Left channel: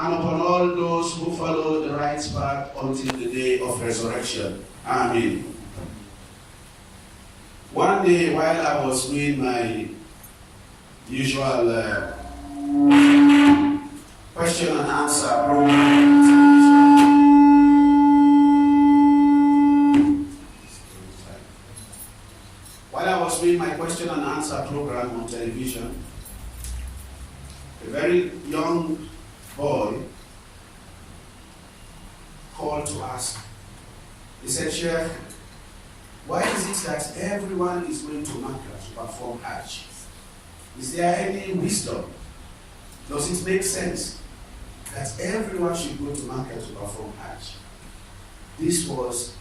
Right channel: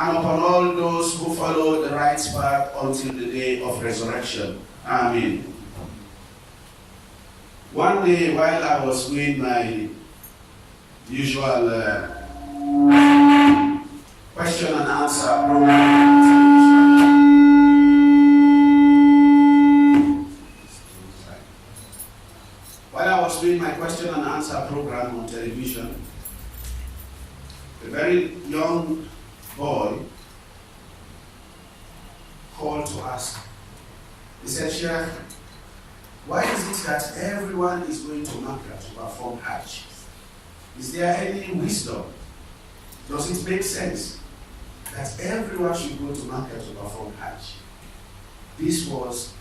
and upon all those who follow the right path until the day of resurrection. Amen. One day, while I was doing my usual question and answer program, while I was doing my question and answer program on television, a very young boy called to ask. He said, Sheikh, why is it that everyone is going to Mecca to perform Hajj? Is there any wisdom? Does it make sense that everyone should go to Mecca to perform Hajj? This was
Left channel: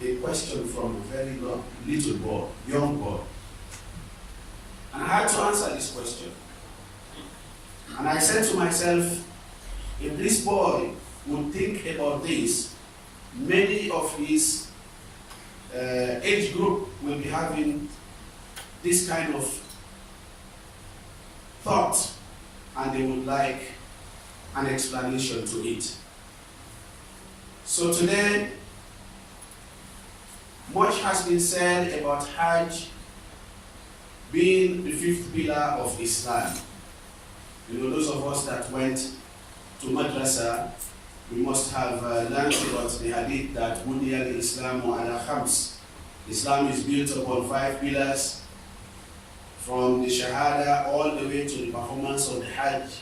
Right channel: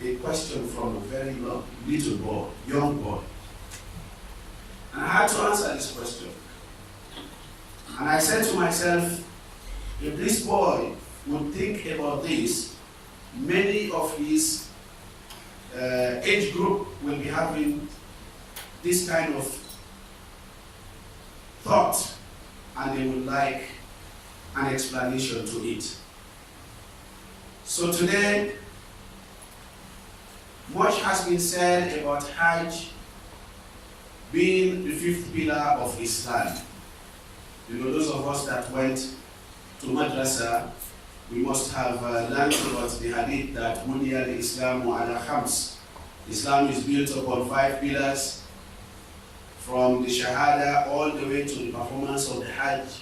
a question from a very little boy, young boy. And I had to answer this question. And I said to myself, if this boy would think about this, many of his age group will be having this kind of thought, and they would like an explanation to it. So today, much has been said about Hajj being the fifth pillar of Islam. You know, those of us that went to madrasa, we must have learned about the hadith that Buniyal Islamu ala khams. Islam is built upon 5 pillars, from the Shahada all the way to the performance of the Hajj.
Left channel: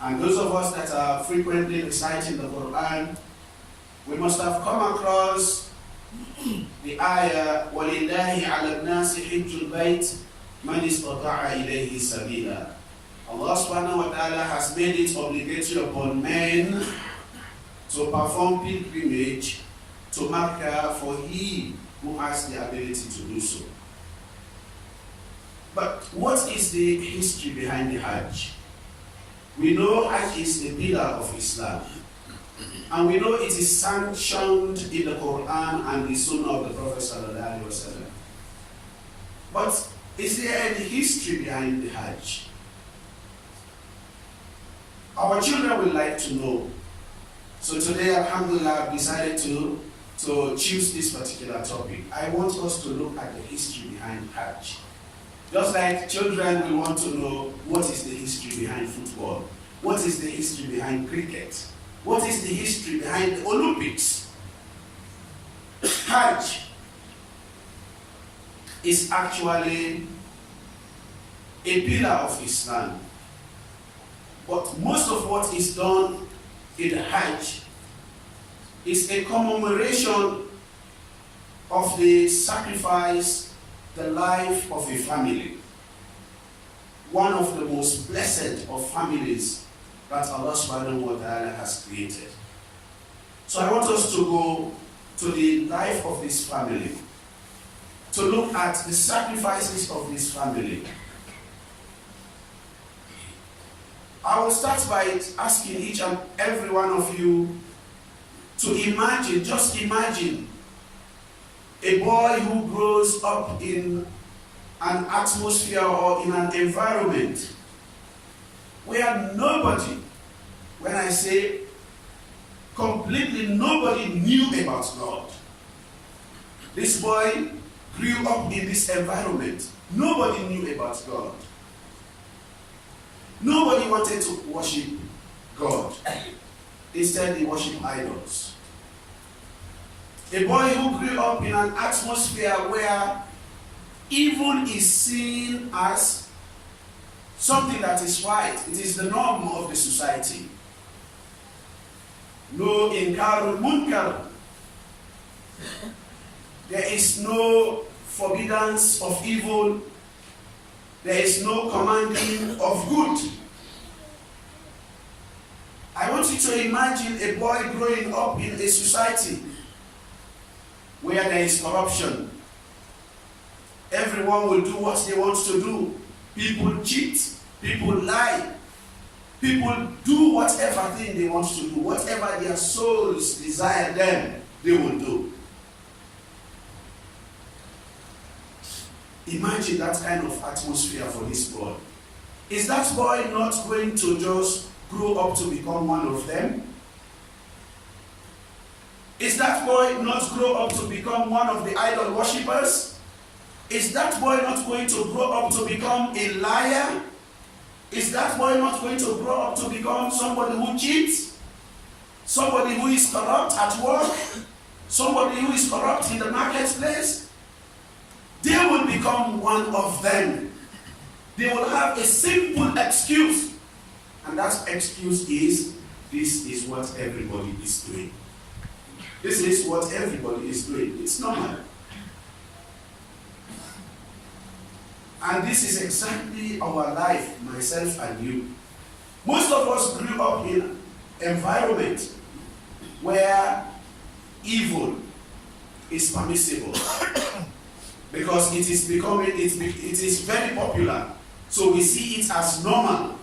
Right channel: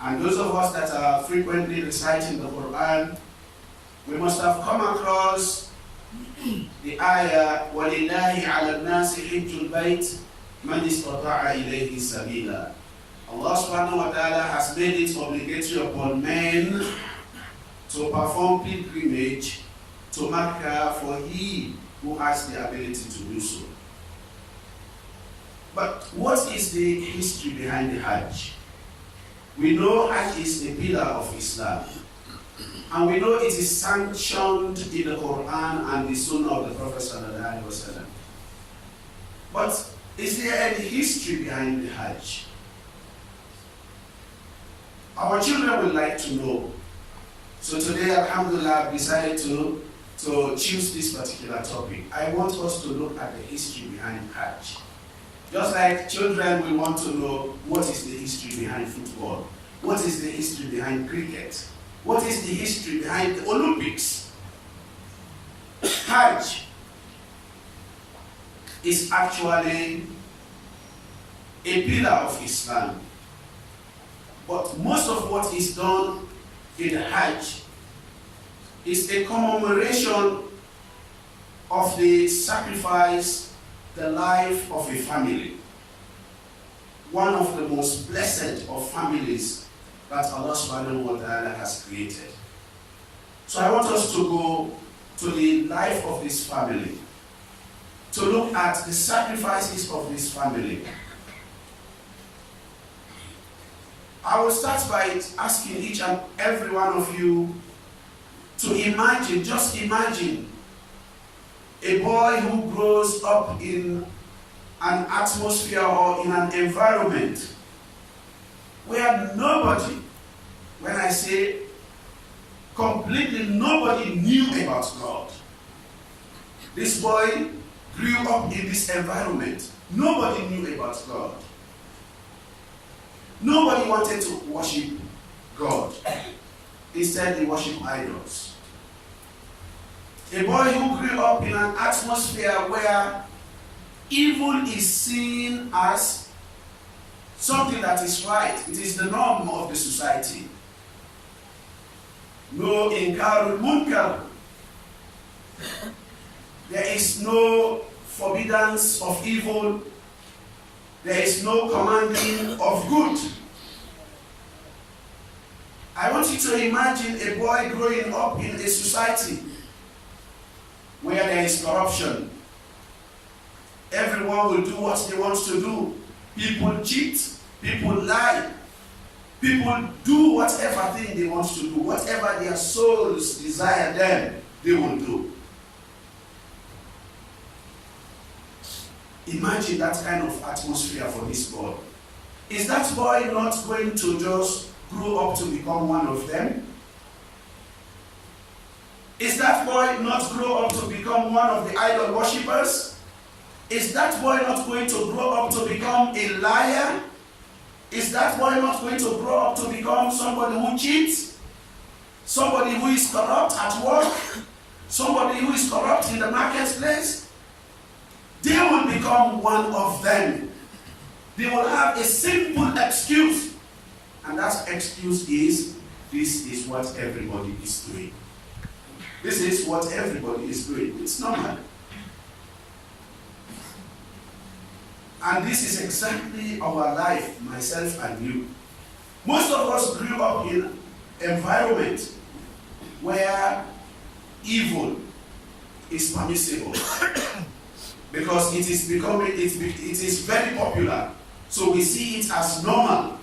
And those of us that are frequently reciting the Quran, we must have come across the ayah, وَلِلَّهِ عَلَى النَّاسِ حِجُّ الْبَيْتِ مَنِ اسْتَطَاعَ إِلَيْهِ سَبِيلًا. Allah subhanahu wa ta'ala has made it obligatory upon men to perform pilgrimage to Mecca for he who has the ability to do so. But what is the history behind the Hajj? We know Hajj is a pillar of Islam. And we know it is sanctioned in the Quran and the Sunnah of the Prophet sallallahu alaihi wasallam. But is there any history behind the Hajj? Our children would like to know. So today, alhamdulillah, I've decided to choose this particular topic. I want us to look at the history behind Hajj. Just like children will want to know what is the history behind football, what is the history behind cricket, what is the history behind the Olympics. Hajj is actually a pillar of Islam. But most of what is done in the Hajj is a commemoration of the sacrifice, the life of a family. One of the most blessed of families that Allah subhanahu wa ta'ala has created. So I want us to go to the life of this family, to look at the sacrifices of this family. I will start by asking each and every one of you to imagine, just imagine, a boy who grows up in an atmosphere or in an environment where nobody, when I say completely nobody, knew about God. This boy grew up in this environment. Nobody knew about God. Nobody wanted to worship God. Instead, they worship idols. A boy who grew up in an atmosphere where evil is seen as something that is right. It is the norm of the society. No inkarul munkar. There is no forbiddance of evil. There is no commanding of good. I want you to imagine a boy growing up in a society where there is corruption. Everyone will do what they want to do. People cheat. People lie. People do whatever thing they want to do. Whatever their souls desire them, they will do. Imagine that kind of atmosphere for this boy. Is that boy not going to just grow up to become one of them? Is that boy not grow up to become one of the idol worshippers? Is that boy not going to grow up to become a liar? Is that boy not going to grow up to become somebody who cheats? Somebody who is corrupt at work? Somebody who is corrupt in the marketplace? They will become one of them. They will have a simple excuse. And that excuse is, this is what everybody is doing. This is what everybody is doing. It's normal. And this is exactly our life, myself and you. Most of us grew up in an environment where evil is permissible because it is very popular. So we see it as normal.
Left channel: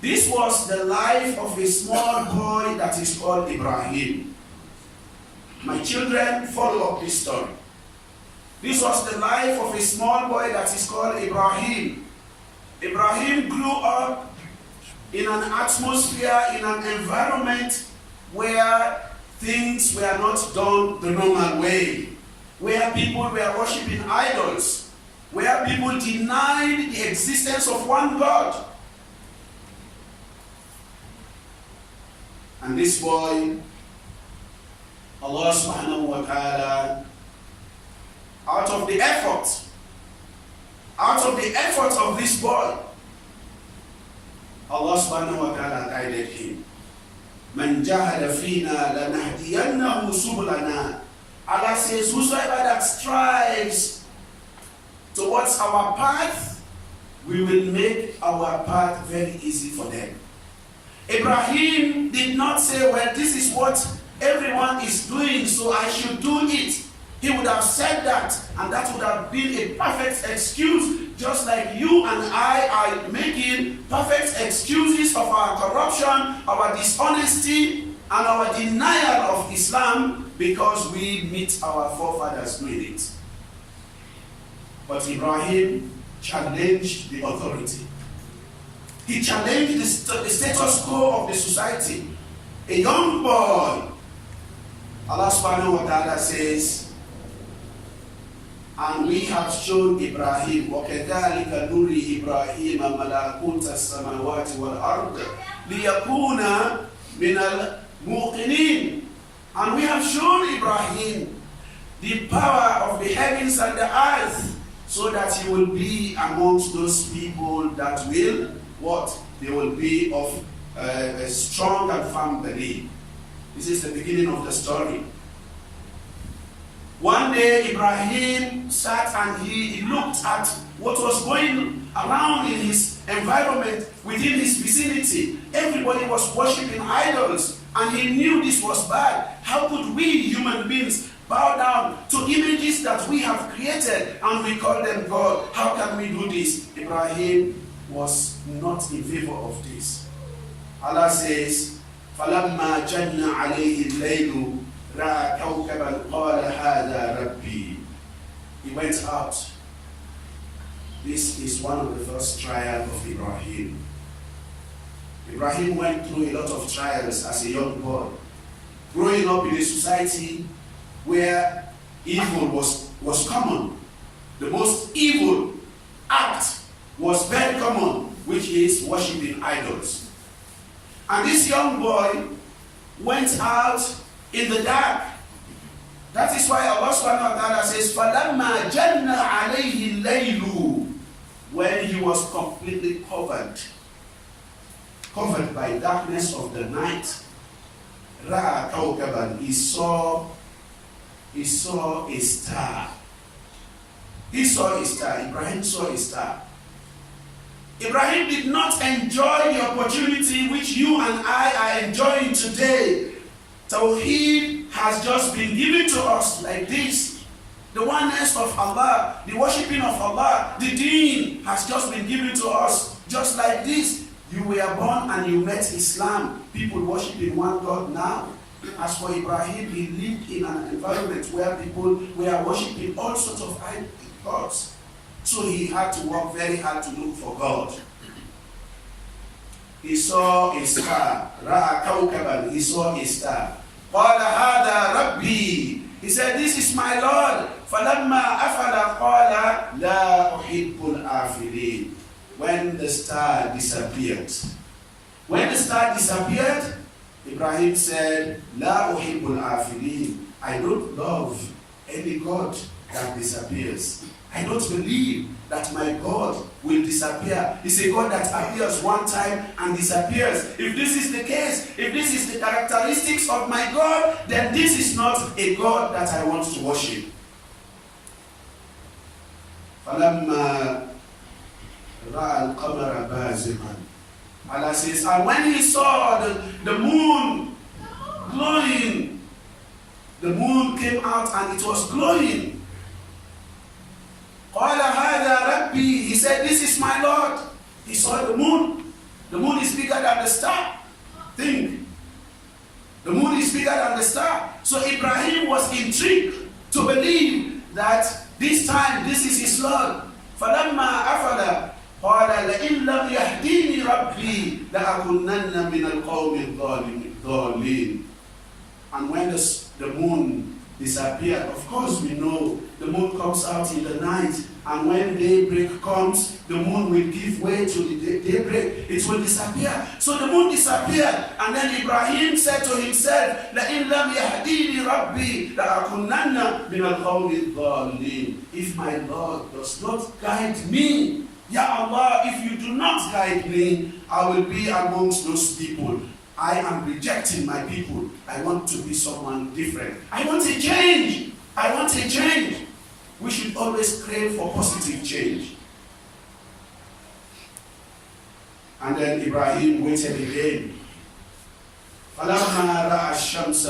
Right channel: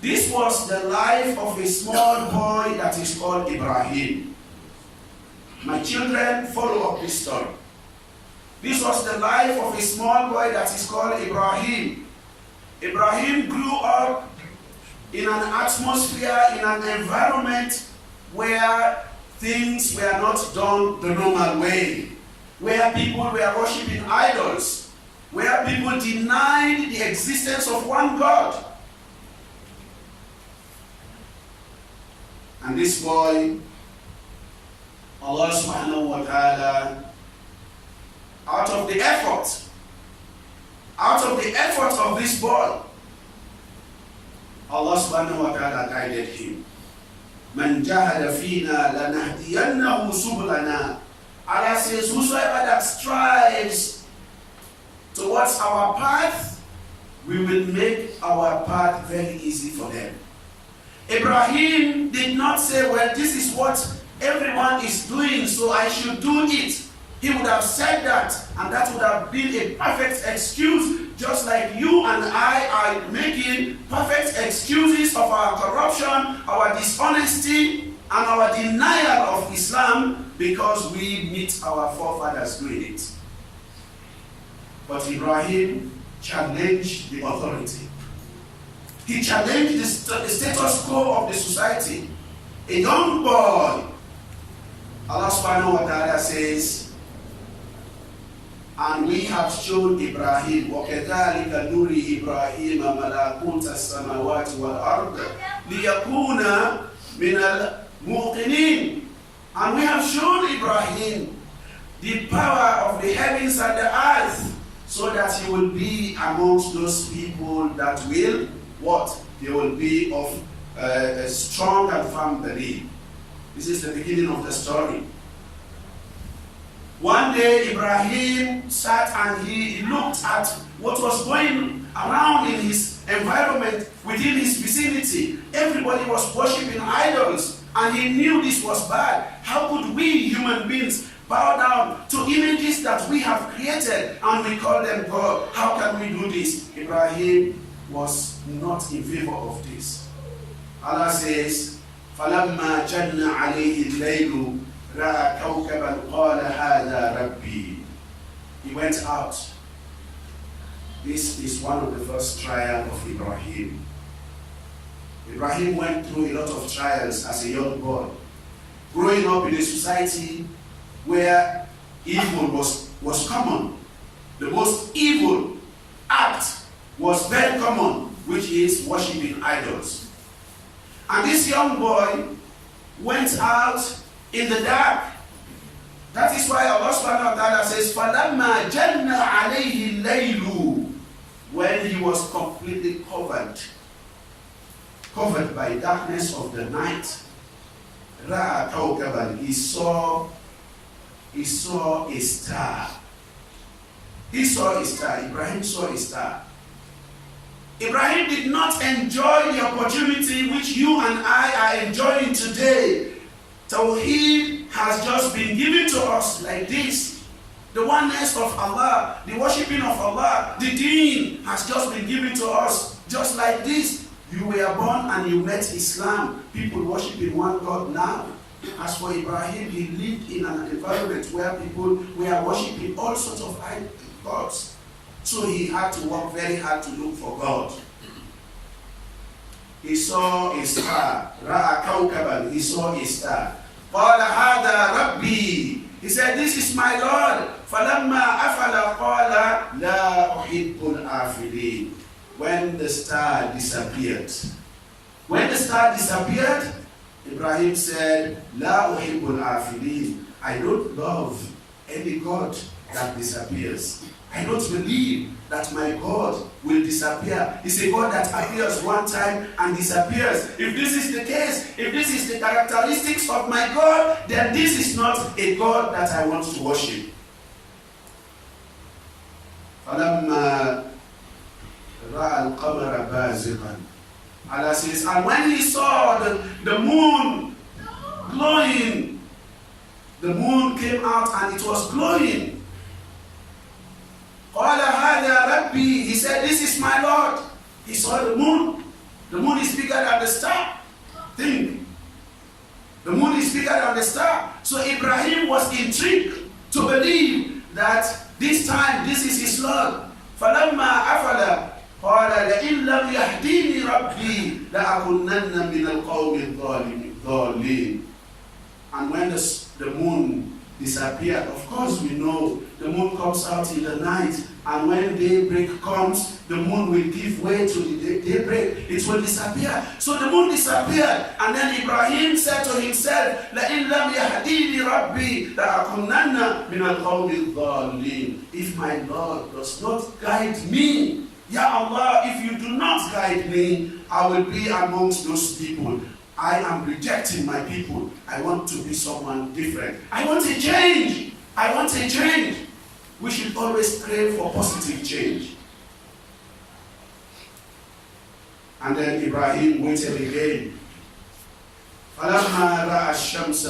This was the life of a small boy that is called Ibrahim. My children, follow up this story. This was the life of a small boy that is called Ibrahim. Ibrahim grew up in an atmosphere, in an environment where things were not done the normal way, where people were worshipping idols, where people denied the existence of one God. And this boy, Allah subhanahu wa ta'ala, out of the effort of this boy, Allah subhanahu wa ta'ala guided him. Man jahada fina lanahdiyannahu subulana. Allah says, whosoever that strives towards our path, we will make our path very easy for them. Abraham did not say, well, this is what everyone is doing, so I should do it. He would have said that, and that would have been a perfect excuse, just like you and I are making perfect excuses of our corruption, our dishonesty, and our denial of Islam because we meet our forefathers doing it. But Ibrahim challenged the authority. He challenged the status quo of the society. A young boy, Allah subhanahu wa ta'ala says, and we have shown Ibrahim, وَكَذَلِكَ نُرِي إِبْرَاهِيمَ مَلَاكُوتَ السَّمَاوَاتِ وَالْأَرْضِ لِيَكُونَ مِنَ الْمُوقِنِينَ. And we have shown Ibrahim the power of the heavens and the earth, so that he will be amongst those people that will, what? They will be of a strong and firm belief. This is the beginning of the story. One day, Ibrahim sat and he looked at what was going around in his environment, within his vicinity. Everybody was worshipping idols, and he knew this was bad. How could we, human beings, bow down to images that we have created and we call them God? How can we do this? Ibrahim was not in favor of this. Allah says, فَلَمَّا جَنَّ عَلَيْهِ اللَّيْلُ رَأَى كَوْكَبًا قَالَ هَذَا رَبِّي. He went out. This is one of the first trials of Ibrahim. Ibrahim went through a lot of trials as a young boy, growing up in a society where evil was common. The most evil act was very common, which is worshipping idols. And this young boy went out in the dark. That is why Allah subhanahu wa ta'ala says, فَلَمَّا جَنَّ عَلَيْهِ اللَّيْلُ. When he was completely covered by darkness of the night, رَأَى كَوْكَبًا. He saw a star. He saw a star. Ibrahim saw a star. Ibrahim did not enjoy the opportunity which you and I are enjoying today. Tawheed has just been given to us like this. The oneness of Allah, the worshipping of Allah, the deen has just been given to us just like this. You were born and you met Islam. People worshiping one God now. As for Ibrahim, he lived in an environment where people were worshipping all sorts of gods. So he had to work very hard to look for God. he saw a star. Ra'a kawkaban, he saw a star. Qala hada rabbi, he said, this is my Lord. Falamma afala qala la uhibbul afilin. When the star disappeared, Ibrahim said, La uhibbul afilin. I don't love any God that disappears. I don't believe that my God will disappear. It's a God that appears one time and disappears. If this is the case, if this is the characteristics of my God, then this is not a God that I want to worship. فَلَمَّا رَأَى الْقَمَرَ بَازِغًا, Allah says, and when he saw the moon glowing, the moon came out and it was glowing. قَالَ هَذَا رَبِّي, he said, this is my Lord. He saw the moon. The moon is bigger than the star. Think. The moon is bigger than the star. So Ibrahim was intrigued to believe that this time, this is his Lord. فَلَمَّا أَفَلَ قَالَ لَإِن لَّمْ يَهْدِينِي رَبِّي لَأَكُونَنَّ مِنَ الْقَوْمِ الضَّالِّينَ. And when the moon disappeared, of course we know the moon comes out in the night, and when daybreak comes, the moon will give way to the daybreak. It will disappear. So the moon disappeared, and then Ibrahim said to himself, لَإِن لَّمْ يَهْدِينِي رَبِّي لَأَكُونَنَّ مِنَ الْقَوْمِ الضَّالِّينَ. If my Lord does not guide me, Ya Allah, if you do not guide me, I will be amongst those people. I am rejecting my people. I want to be someone different. I want a change. I want a change. We should always crave for positive change. And then Ibrahim waited again. فَلَمَّا رَأَى الشَّمْسَ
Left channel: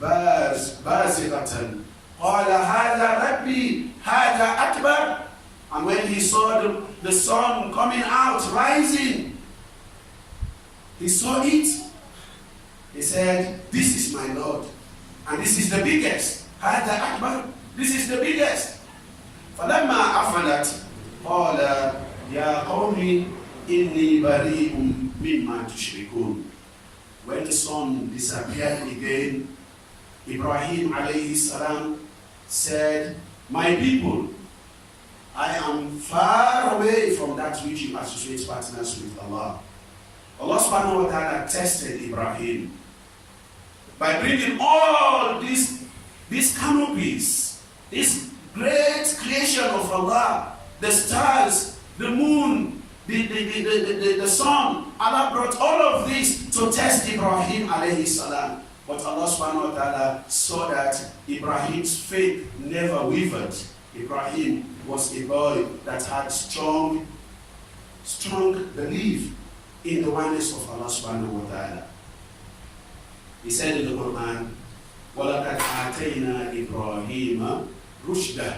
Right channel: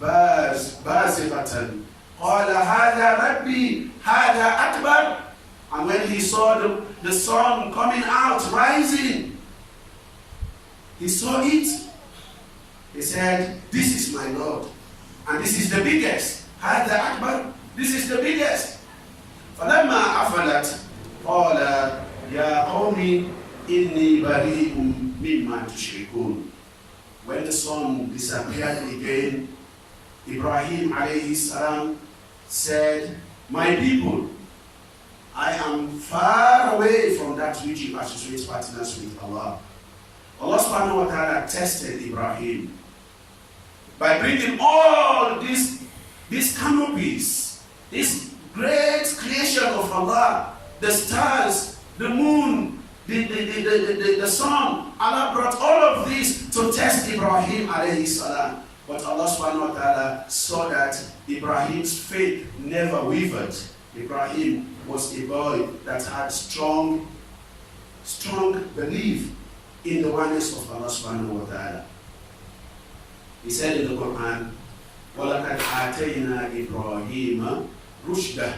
بَازِغَةً قَالَ هَذَا رَبِّي هَذَا أَكْبَرُ. And when he saw the sun coming out, rising, he saw it. He said, this is my Lord. And this is the biggest. هَذَا أَكْبَرُ. This is the biggest. فَلَمَّا أَفَلَتْ قَالَ يَا قَوْمِ إِنِّي بَرِيءٌ مِّمَّا تُشْرِكُونَ. When the sun disappeared again, Ibrahim alayhi salam said, my people, I am far away from that which you associate partners with Allah. Allah subhanahu wa ta'ala tested Ibrahim by bringing all these canopies, this great creation of Allah, the stars, the moon, the sun. Allah brought all of this to test Ibrahim alayhi salam. But Allah subhanahu wa ta'ala saw that Ibrahim's faith never wavered. Ibrahim was a boy that had strong belief in the oneness of Allah subhanahu wa ta'ala. He said in the Quran, وَلَقَدْ آتَيْنَا إِبْرَاهِيمَ رُشْدَهُ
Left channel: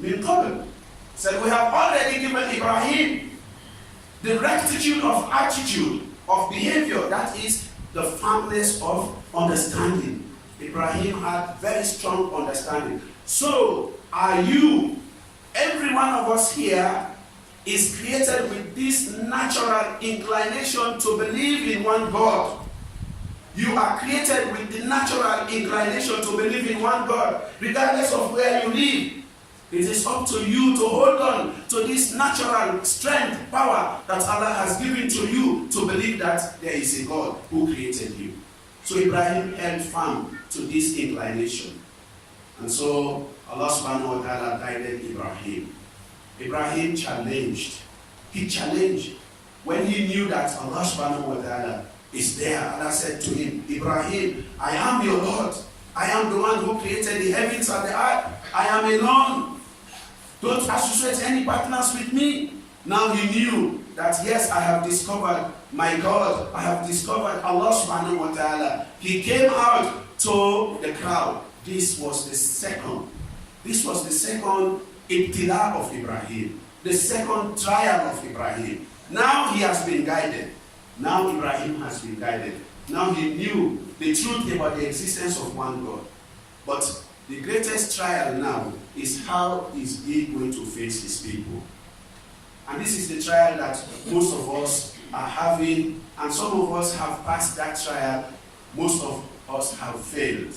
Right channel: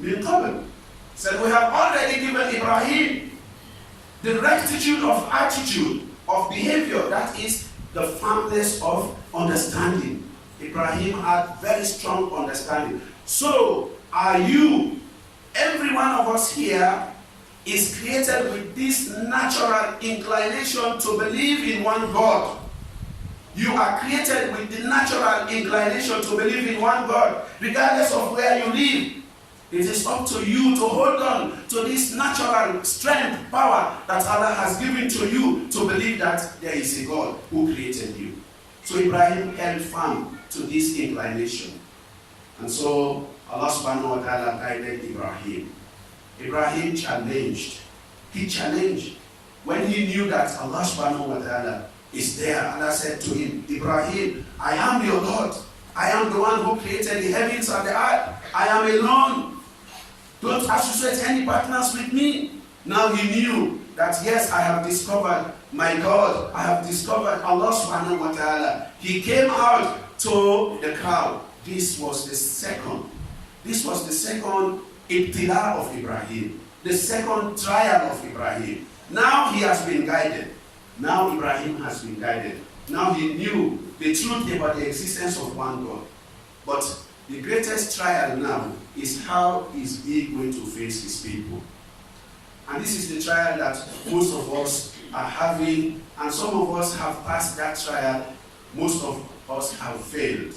مِنْ قَبْلِ. He said, we have already given Ibrahim the rectitude of attitude, of behavior, that is the firmness of understanding. Ibrahim had very strong understanding. So, are you, every one of us here, is created with this natural inclination to believe in one God. You are created with the natural inclination to believe in one God, regardless of where you live. It is up to you to hold on to this natural strength, power that Allah has given to you to believe that there is a God who created you. So Ibrahim held firm to this inclination. And so Allah subhanahu wa ta'ala guided Ibrahim. Ibrahim challenged. He challenged. When he knew that Allah subhanahu wa ta'ala is there, Allah said to him, Ibrahim, I am your Lord. I am the one who created the heavens and the earth. I am alone. Don't associate any partners with me. Now he knew that yes, I have discovered my God. I have discovered Allah subhanahu wa ta'ala. He came out to the crowd. This was the second ibtila of Ibrahim. The second trial of Ibrahim. Now he has been guided. Now Ibrahim has been guided. Now he knew the truth about the existence of one God. But the greatest trial now is how is he going to face his people. And this is the trial that most of us are having, and some of us have passed that trial, most of us have failed.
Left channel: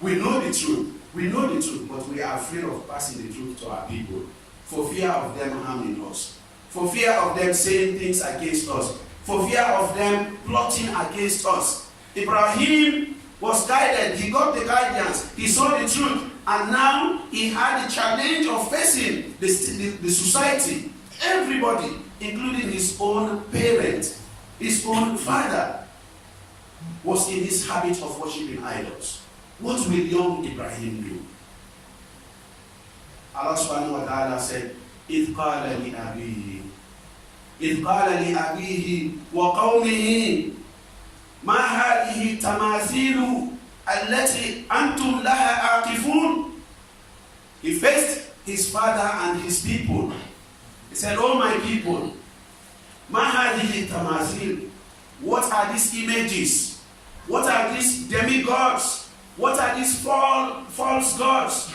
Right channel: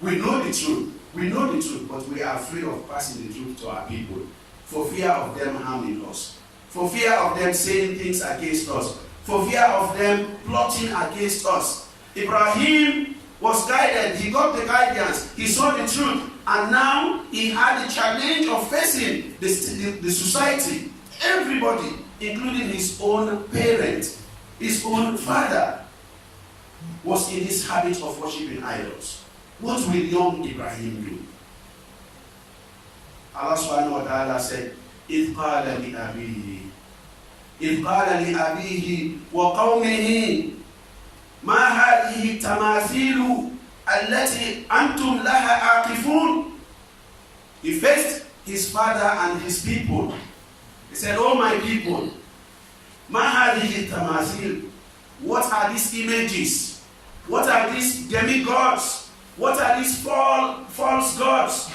We know the truth, but we are afraid of passing the truth to our people for fear of them harming us, for fear of them saying things against us, for fear of them plotting against us. Ibrahim was guided, he got the guidance, he saw the truth, and now he had the challenge of facing the society, everybody, including his own parent, his own father, was in this habit of worshiping idols. What will young Ibrahim do? Allah subhanahu wa ta'ala said, إِذْ قَالَ لِأَبِيهِ وَقَوْمِهِ مَا هَذِهِ التَّمَاثِيلُ الَّتِي أَنْتُمْ لَهَا عَاكِفُونَ. He faced his father and his people. He said, "Oh my people, مَا هَذِهِ التَّمَاثِيلُ. What are these images? What are these demigods? What are these false gods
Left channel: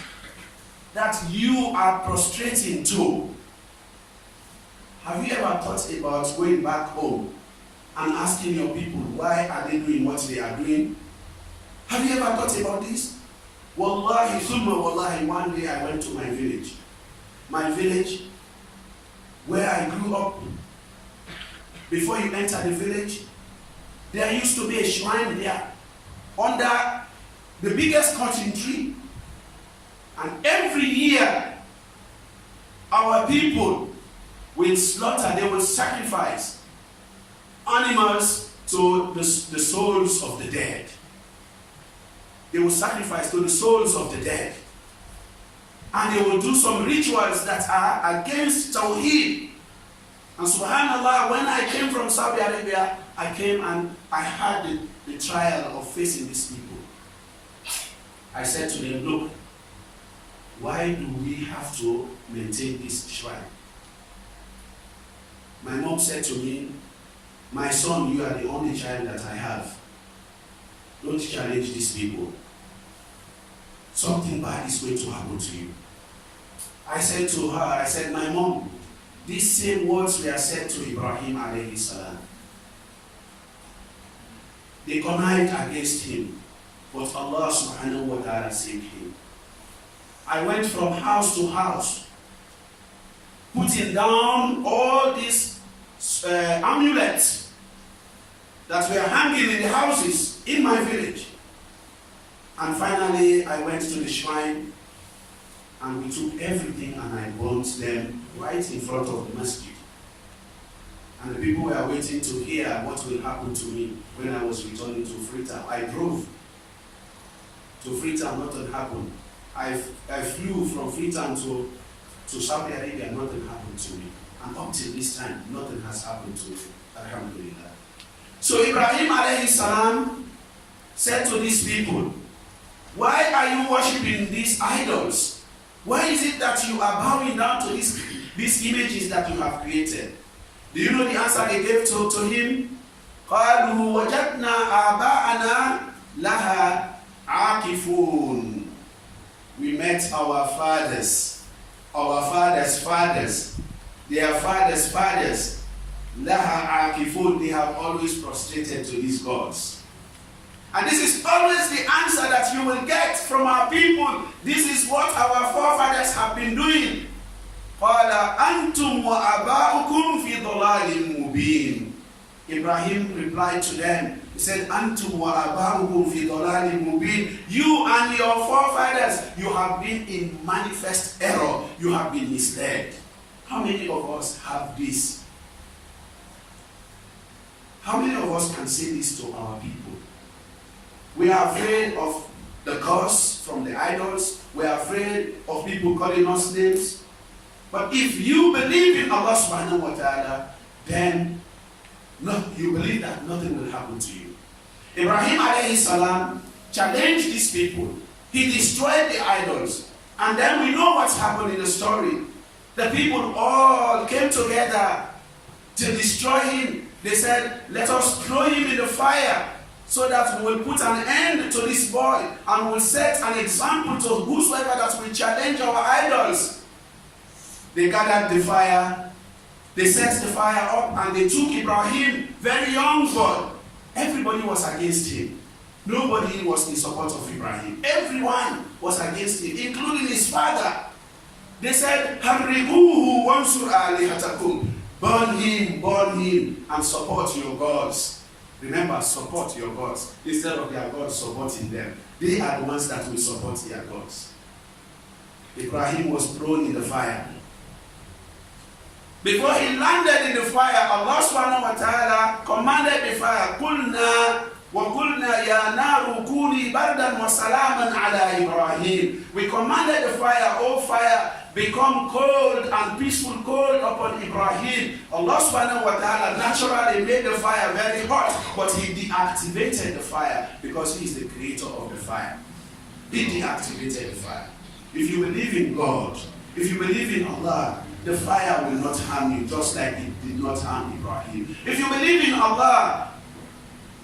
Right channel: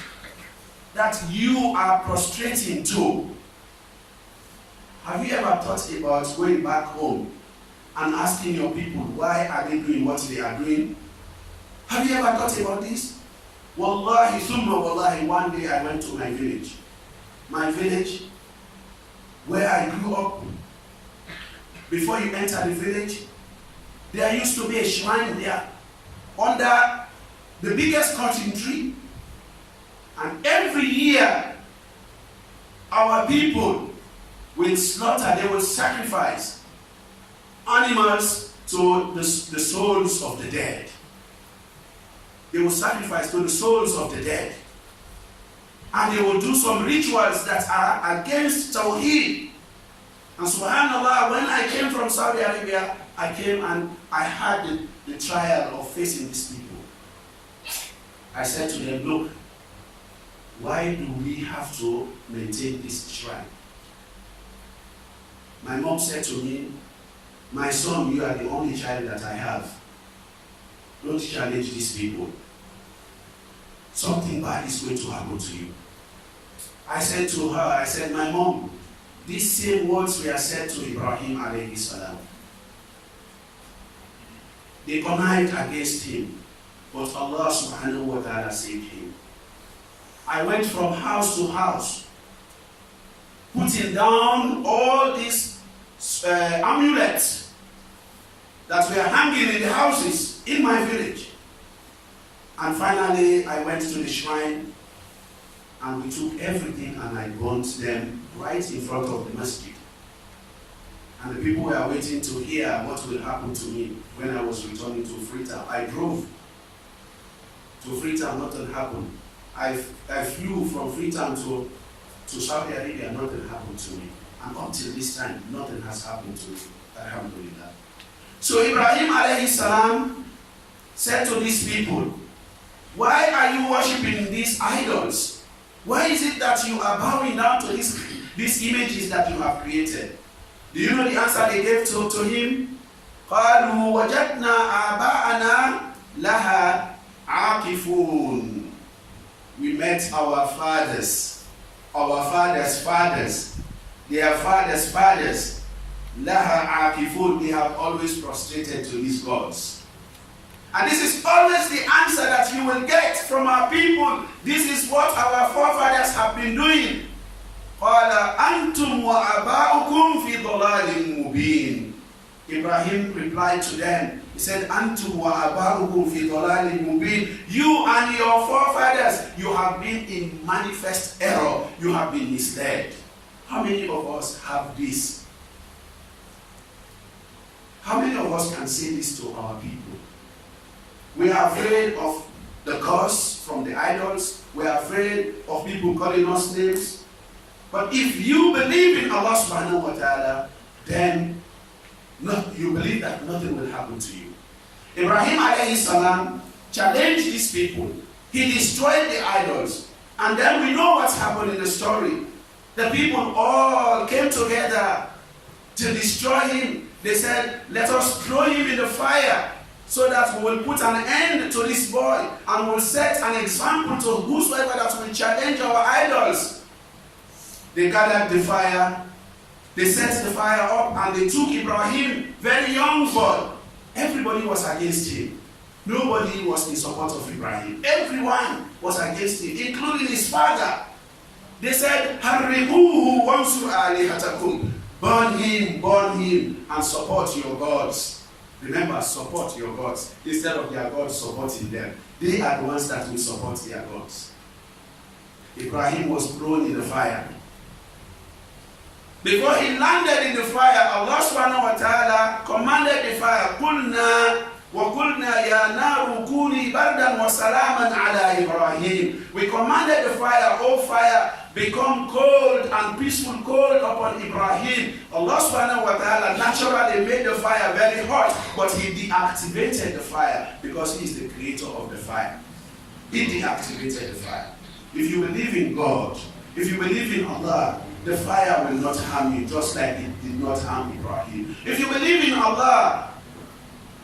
that you are prostrating to?" Have you ever thought about going back home and asking your people why are they doing what they are doing? Have you ever thought about this? Wallahi, thumma wallahi, one day I went to my village. My village, where I grew up. Before you enter the village, there used to be a shrine there under the biggest cotton tree. And every year, our people will slaughter, they will sacrifice animals to the souls of the dead. They will sacrifice to the souls of the dead. And they will do some rituals that are against Tawheed. And subhanAllah, when I came from Saudi Arabia, I came and I had the trial of facing these people. I said to them, look, why do we have to maintain this shrine? My mom said to me, my son, you are the only child that I have. Don't challenge these people. Something bad is going to happen to you. I said to her, I said, my mom, these same words were said to Ibrahim alayhi salam. They connived against him, but Allah subhanahu wa ta'ala saved him. I went from house to house, putting down all these amulets that were hanging in the houses in my village. And finally, I went to the shrine and we took everything and I burnt them right in front of the masjid. And the people were waiting to hear what will happen to me when I was returning to Freetown. I drove to Freetown, nothing happened. I flew from Freetown to Saudi Arabia, nothing happened to me. And up till this time, nothing has happened to me. Alhamdulillah. So Ibrahim alayhi salam said to these people, why are you worshipping these idols? Why is it that you are bowing down to these images that you have created? Do you know the answer they gave to him? قَالُوا وَجَدْنَا آبَاءَنَا لَهَا عَاكِفُونَ. We met our fathers' fathers, their fathers' fathers. لَهَا عَاكِفُونَ. They have always prostrated to these gods. And this is always the answer that you will get from our people. This is what our forefathers have been doing. قَالَ أَنْتُمْ وَأَبَاؤُكُمْ فِي ضَلَالٍ مُبِينٍ. Ibrahim replied to them. He said, أَنْتُمْ وَأَبَاؤُكُمْ فِي ضَلَالٍ مُبِينٍ. You and your forefathers, you have been in manifest error. You have been misled. How many of us have this? How many of us can say this to our people? We are afraid of the curse from the idols. We are afraid of people calling us names. But if you believe in Allah subhanahu wa ta'ala, then you believe that nothing will happen to you. Ibrahim alayhi salam challenged these people. He destroyed the idols. And then we know what's happened in the story. The people all came together to destroy him. They said, let us throw him in the fire, so that we will put an end to this boy and will set an example to whosoever that will challenge our idols. They gathered the fire They set the fire up and they took Ibrahim, very young boy. Everybody was against him. Nobody was in support of Ibrahim. Everyone was against him, including his father. They said, "Harribuhu wansur alihatakum." Burn him, and support your gods. Remember, support your gods instead of their gods supporting them. They are the ones that will support their gods. Ibrahim was thrown in the fire. Before he landed in the fire, Allah subhanahu wa ta'ala commanded the fire, "Qulna wa qulna ya naru kuni bardan wa salaman ala Ibrahim." We commanded the fire, "O fire, become cold and peaceful cold upon Ibrahim." Allah subhanahu wa ta'ala naturally made the fire very hot, but he deactivated the fire because he is the creator of the fire. He deactivated the fire. If you believe in God, if you believe in Allah, the fire will not harm you just like it did not harm Ibrahim. If you believe in Allah,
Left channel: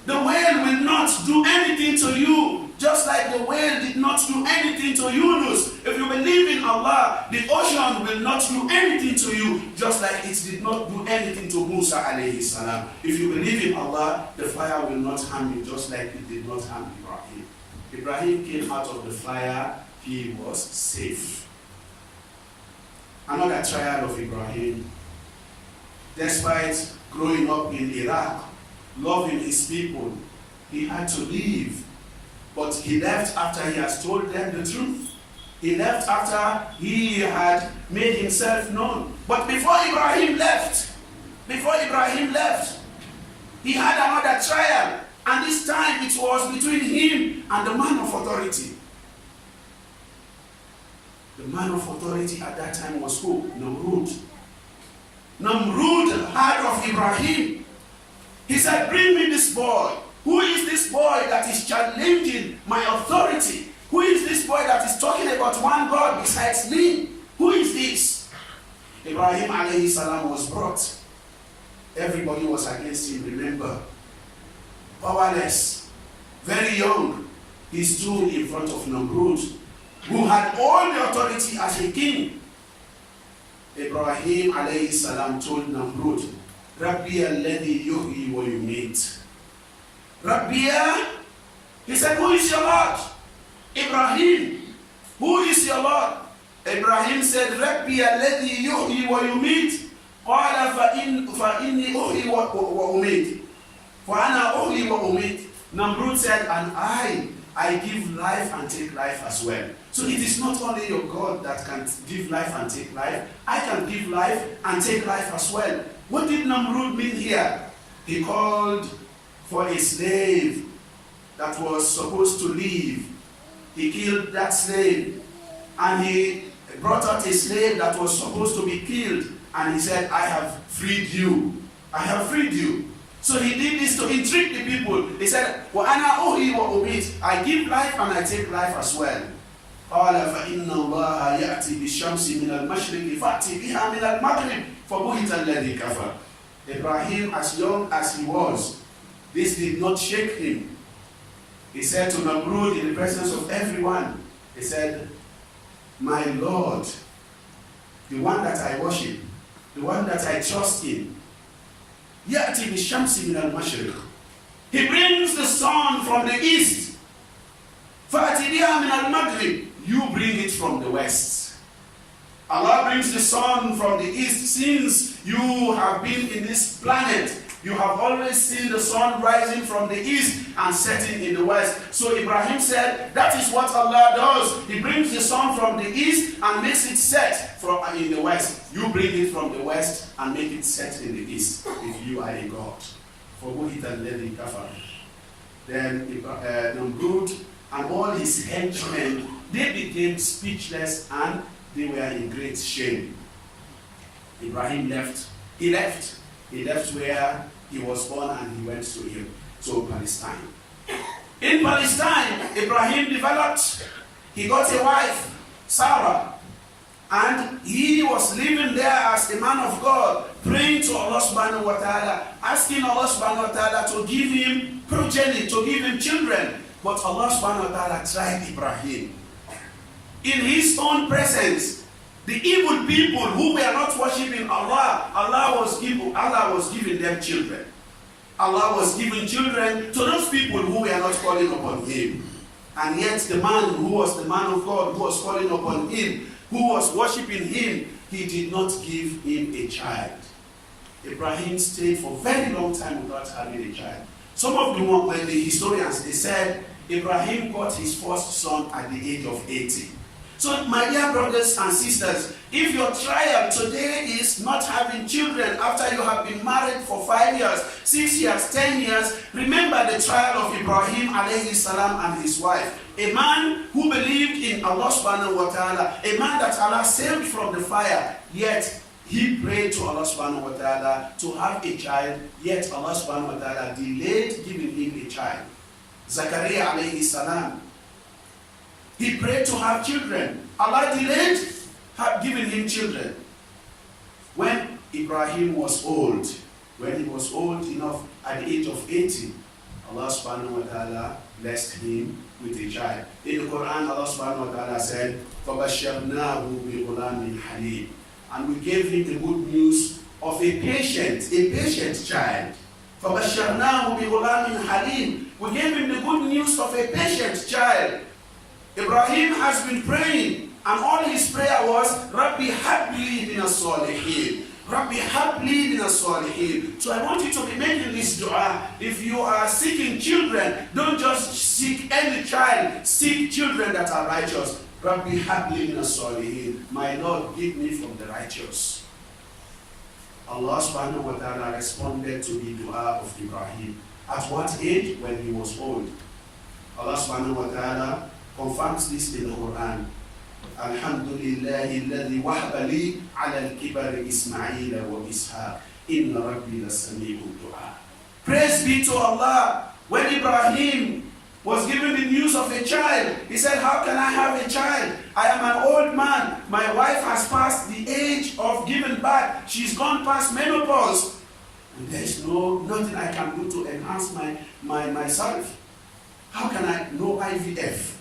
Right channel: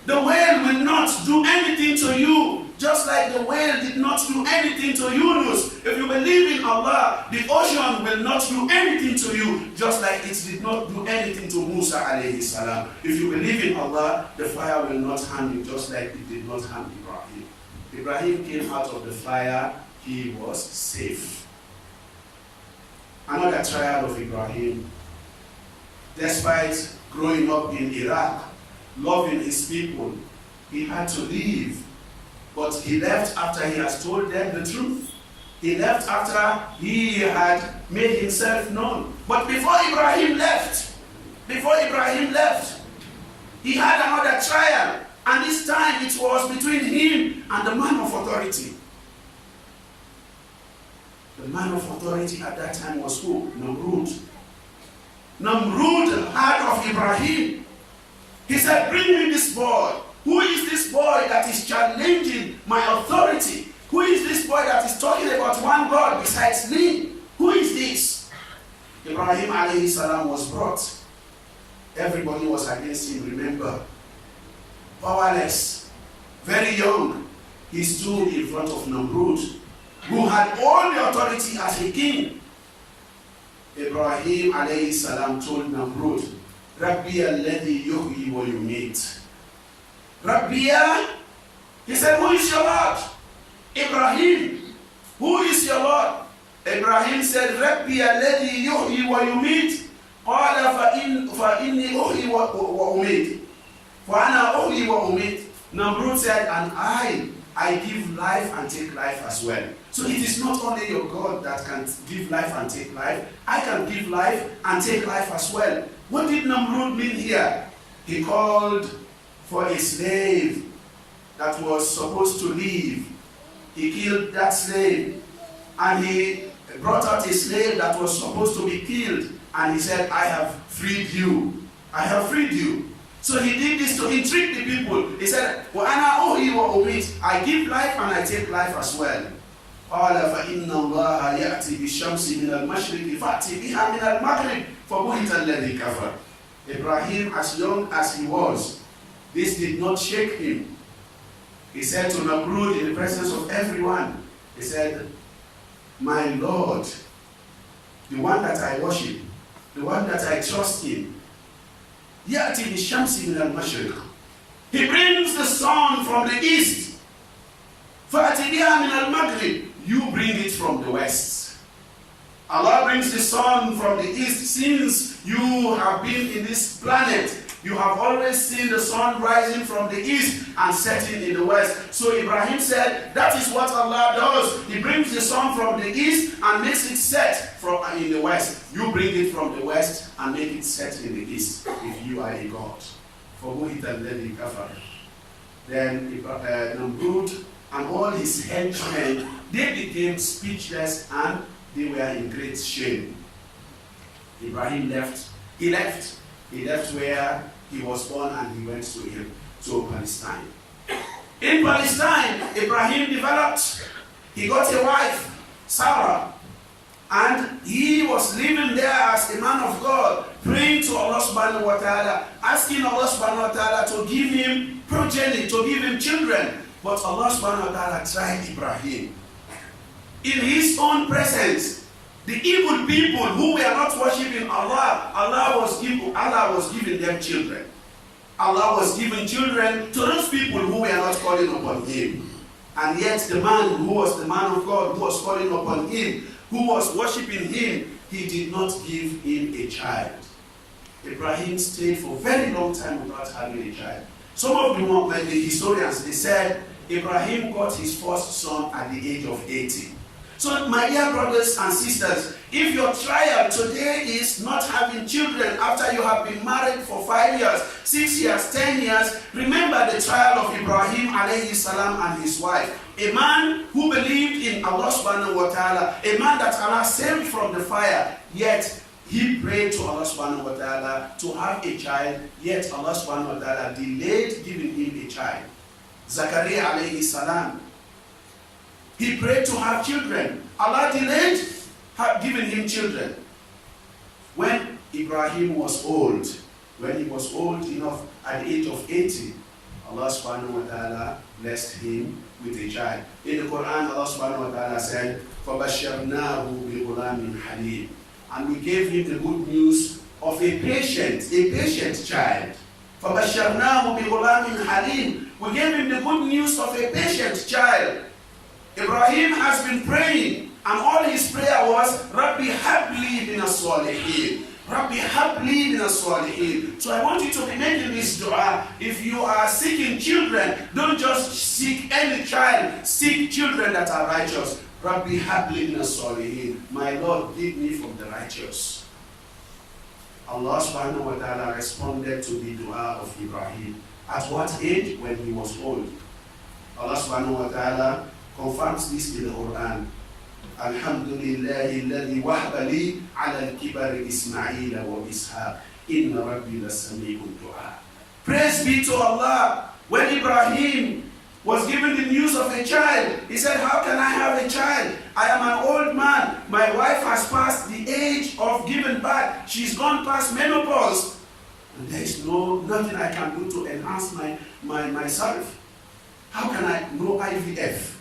the whale will not do anything to you just like the whale did not do anything to Yunus. If you believe in Allah, the ocean will not do anything to you just like it did not do anything to Musa alayhi salam. If you believe in Allah, the fire will not harm you just like it did not harm Ibrahim. Ibrahim came out of the fire, he was safe. Another trial of Ibrahim. Despite growing up in Iraq, loving his people, he had to leave. But he left after he has told them the truth. He left after he had made himself known. But before Ibrahim left, he had another trial. And this time it was between him and the man of authority. The man of authority at that time was who? Namrud. Namrud heard of Ibrahim. He said, "Bring me this boy. Who is this boy that is challenging my authority? Who is this boy that is talking about one God besides me? Who is this?" Ibrahim alayhi salam was brought. Everybody was against him, remember. Powerless, very young. He stood in front of Namrud, who had all the authority as a king. Ibrahim alayhi salam told Namrud, "Rabbi alladhi yuhyi wa yumit." Rabbiya, he said, "Who is your Lord?" Ibrahim, "Who is your Lord?" Ibrahim said, "Rabbi alladhi yuhyi wa yumit." Qala fa inni uhyi wa umit. Fa ana uhyi wa umit. Namrud said, "And I give life and take life as well." So it is not only your God that can give life and take life. I can give life and take life as well. What did Namrud mean here? He called for a slave that was supposed to leave. He killed that slave. And he brought out a slave that was supposed to be killed. And he said, "I have freed you. I have freed you." So he did this to intrigue the people. He said, "Wa'ana uhi wa umit." I give life and I take life as well. قال فإن الله يأتي بالشمس من المشرق فأتي بها من المغرب فبهت الذي كفر. Ibrahim, as young as he was, this did not shake him. He said to Namrud in the presence of everyone, he said, "My Lord, the one that I worship, the one that I trust in, يأتي بالشمس من المشرق." He brings the sun from the east. فأتي بها من المغرب. You bring it from the west. Allah brings the sun from the east. Since you have been in this planet, you have always seen the sun rising from the east and setting in the west. So Ibrahim said, that is what Allah does. He brings the sun from the east and makes it set in the west. You bring it from the west and make it set in the east, if you are a God. Then Namrud and all his henchmen, they became speechless and they were in great shame. Ibrahim left. He left where he was born and he went to Palestine. In Palestine, Ibrahim developed. He got a wife, Sarah, and he was living there as a man of God, praying to Allah subhanahu wa ta'ala, asking Allah subhanahu wa ta'ala to give him progeny, to give him children. But Allah subhanahu wa ta'ala tried Ibrahim. In his own presence, The evil people who were not worshipping Allah, Allah was giving them children. Allah was giving children to those people who were not calling upon Him. And yet the man who was the man of God, who was calling upon Him, who was worshipping Him, He did not give him a child. Ibrahim stayed for a very long time without having a child. Some of the historians, they said Ibrahim got his first son at the age of 80. So my dear brothers and sisters, if your trial today is not having children after you have been married for 5 years, 6 years, 10 years, remember the trial of Ibrahim alayhi salam and his wife. A man who believed in Allah subhanahu wa ta'ala, a man that Allah saved from the fire, yet he prayed to Allah subhanahu wa ta'ala to have a child, yet Allah subhanahu wa ta'ala delayed giving him a child. Zakaria alayhi salam, he prayed to have children. Allah delayed giving him children. When Ibrahim was old, when he was old enough at the age of 80, Allah subhanahu wa ta'ala blessed him with a child. In the Quran, Allah subhanahu wa ta'ala said, فَبَشَّرْنَاهُ بِغُلَامٍ حَلِيمٍ. And we gave him the good news of a patient child. فَبَشَّرْنَاهُ بِغُلَامٍ حَلِيمٍ. We gave him the good news of a patient child. Ibrahim has been praying, and all his prayer was, Rabbi habli min as-salihin. Rabbi habli min as-salihin. So I want you to be making this dua. If you are seeking children, don't just seek any child. Seek children that are righteous. Rabbi habli min as-salihin. My Lord, give me from the righteous. Allah subhanahu wa ta'ala responded to the dua of Ibrahim. At what age? When he was old. Allah subhanahu wa ta'ala confirms this in the Quran. Alhamdulillahi alladhi wahaba li ala al-kibari Ismaila wa Ishaq. Inna rabbi lasami'ud du'a. Praise be to Allah. When Ibrahim was given the news of a child, he said, how can I have a child? I am an old man. My wife has passed the age of giving birth. She's gone past menopause. And there is nothing I can do to enhance myself. How can I? No IVF.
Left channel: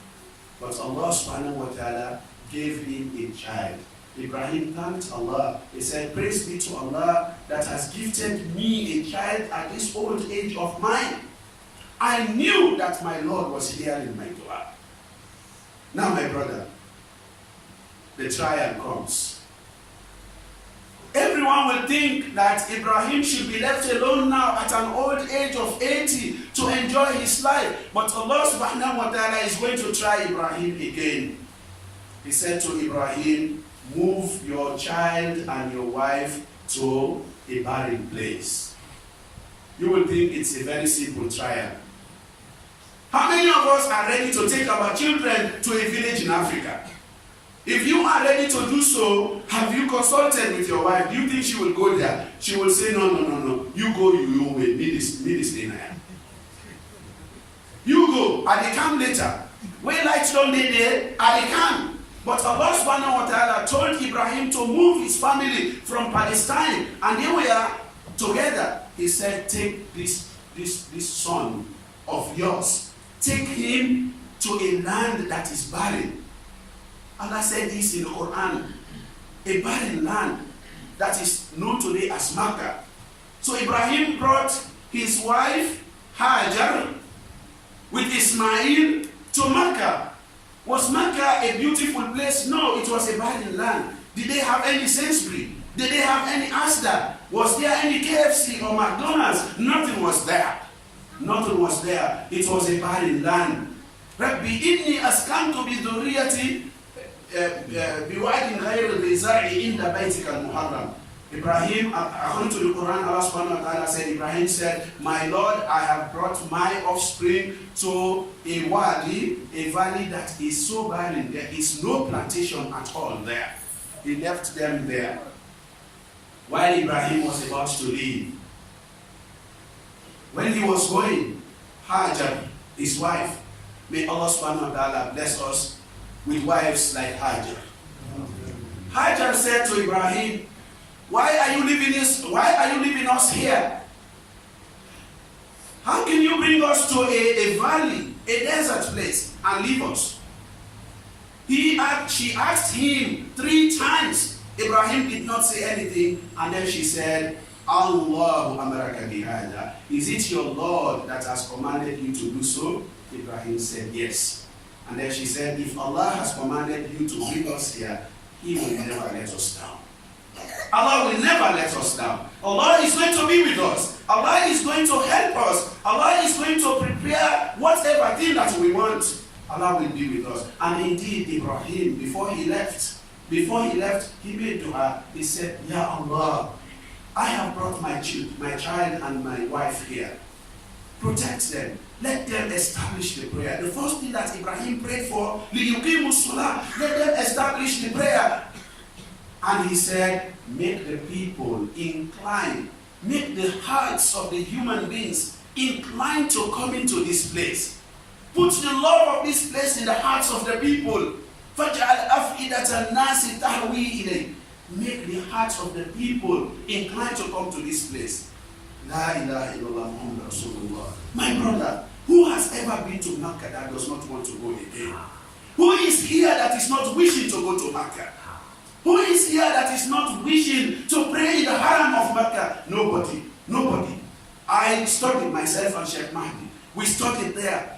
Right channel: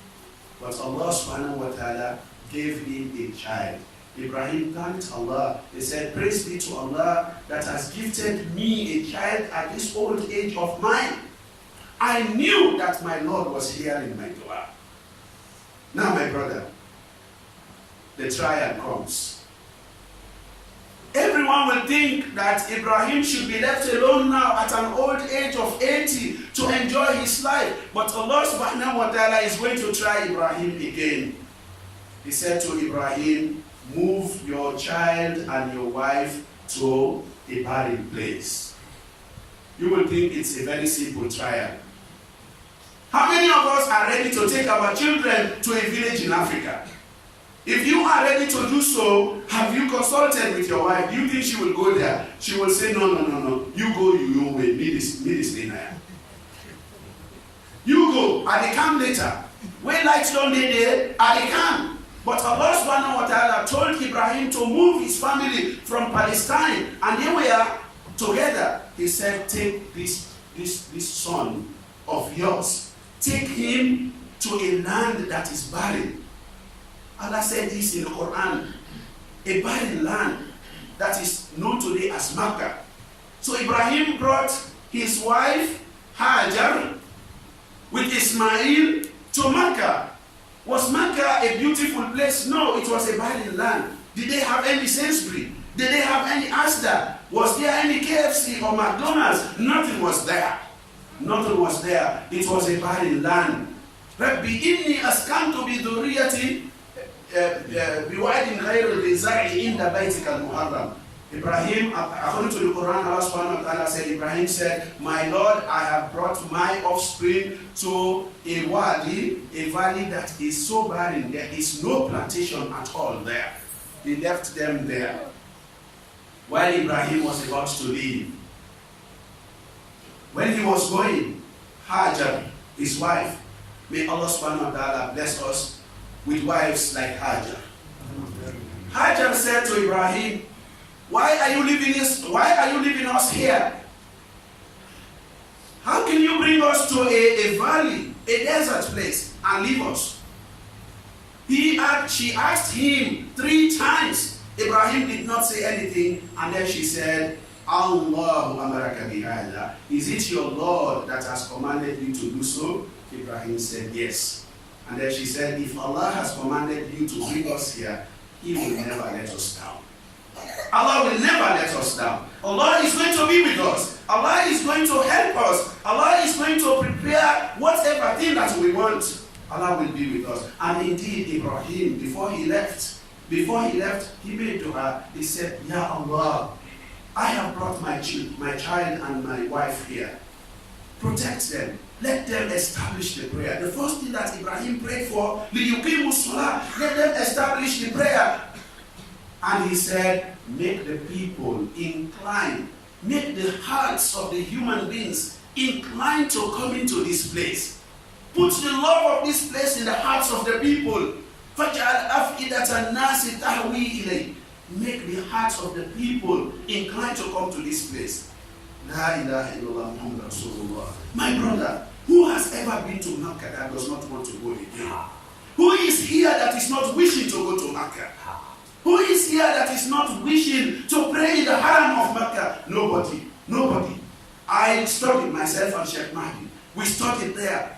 But Allah subhanahu wa ta'ala gave him a child. Ibrahim thanked Allah. He said, praise be to Allah that has gifted me a child at this old age of mine. I knew that my Lord was hearing my dua. Now my brother, the trial comes. Everyone will think that Ibrahim should be left alone now at an old age of 80 to enjoy his life. But Allah subhanahu wa ta'ala is going to try Ibrahim again. He said to Ibrahim, move your child and your wife to a barren place. You will think it's a very simple trial. How many of us are ready to take our children to a village in Africa? If you are ready to do so, have you consulted with your wife? Do you think she will go there? She will say, no. You go, you will. Me this thing. You go, and they come later. When lights don't need there, and they come. But Allah subhanahu wa ta'ala told Ibrahim to move his family from Palestine, and they were together. He said, take this son of yours, take him to a land that is barren. Allah said this in the Quran, a barren land that is known today as Mecca. So Ibrahim brought his wife Hajar with Ismail to Mecca. Was Mecca a beautiful place? No, it was a barren land. Did they have any Sainsbury? Did they have any Asda? Was there any KFC or McDonald's? Nothing was there. Nothing was there. It was a barren land. Rabbi inni askantu bi dhurriyyati بوعد غير ذي زرع عند بيتك المحرم. Ibrahim, according to the Quran, Allah subhanahu wa ta'ala said, Ibrahim said, my Lord, I have brought my offspring to a wadi, a valley that is so barren, there is no plantation at all there. He left them there. While Ibrahim was about to leave, when he was going, Hajar, his wife, may Allah subhanahu wa ta'ala bless us with wives like Hajar. Hajar said to Ibrahim, why are you leaving us here? How can you bring us to a valley, a desert place, and leave us? She asked him 3 times. Ibrahim did not say anything, and then she said, Allahu amaraka bihada. Is it your Lord that has commanded you to do so? Ibrahim said, yes. And then she said, if Allah has commanded you to bring us here, He will never let us down. Allah will never let us down. Allah is going to be with us. Allah is going to help us. Allah is going to prepare whatever thing that we want. Allah will be with us. And indeed, Ibrahim, before he left, he made dua. He said, Ya Allah, I have brought my child and my wife here. Protect them. Let them establish the prayer. The first thing that Ibrahim prayed for, لِيُقِيمُوا الصَّلَاةِ, let them establish the prayer. And he said, make the people incline, make the hearts of the human beings inclined to come into this place. Put the love of this place in the hearts of the people. فَجْعَلْ أَفْئِدَةَ النَّاسِ تَهْوِي إِلَيْهِ. Make the hearts of the people inclined to come to this place. La ilaha illallah Muhammad Rasulullah. My brother, who has ever been to Makkah that does not want to go again? Who is here that is not wishing to go to Makkah? Who is here that is not wishing to pray in the haram of Makkah? Nobody. I studied myself and Sheikh Mahdi. We studied there.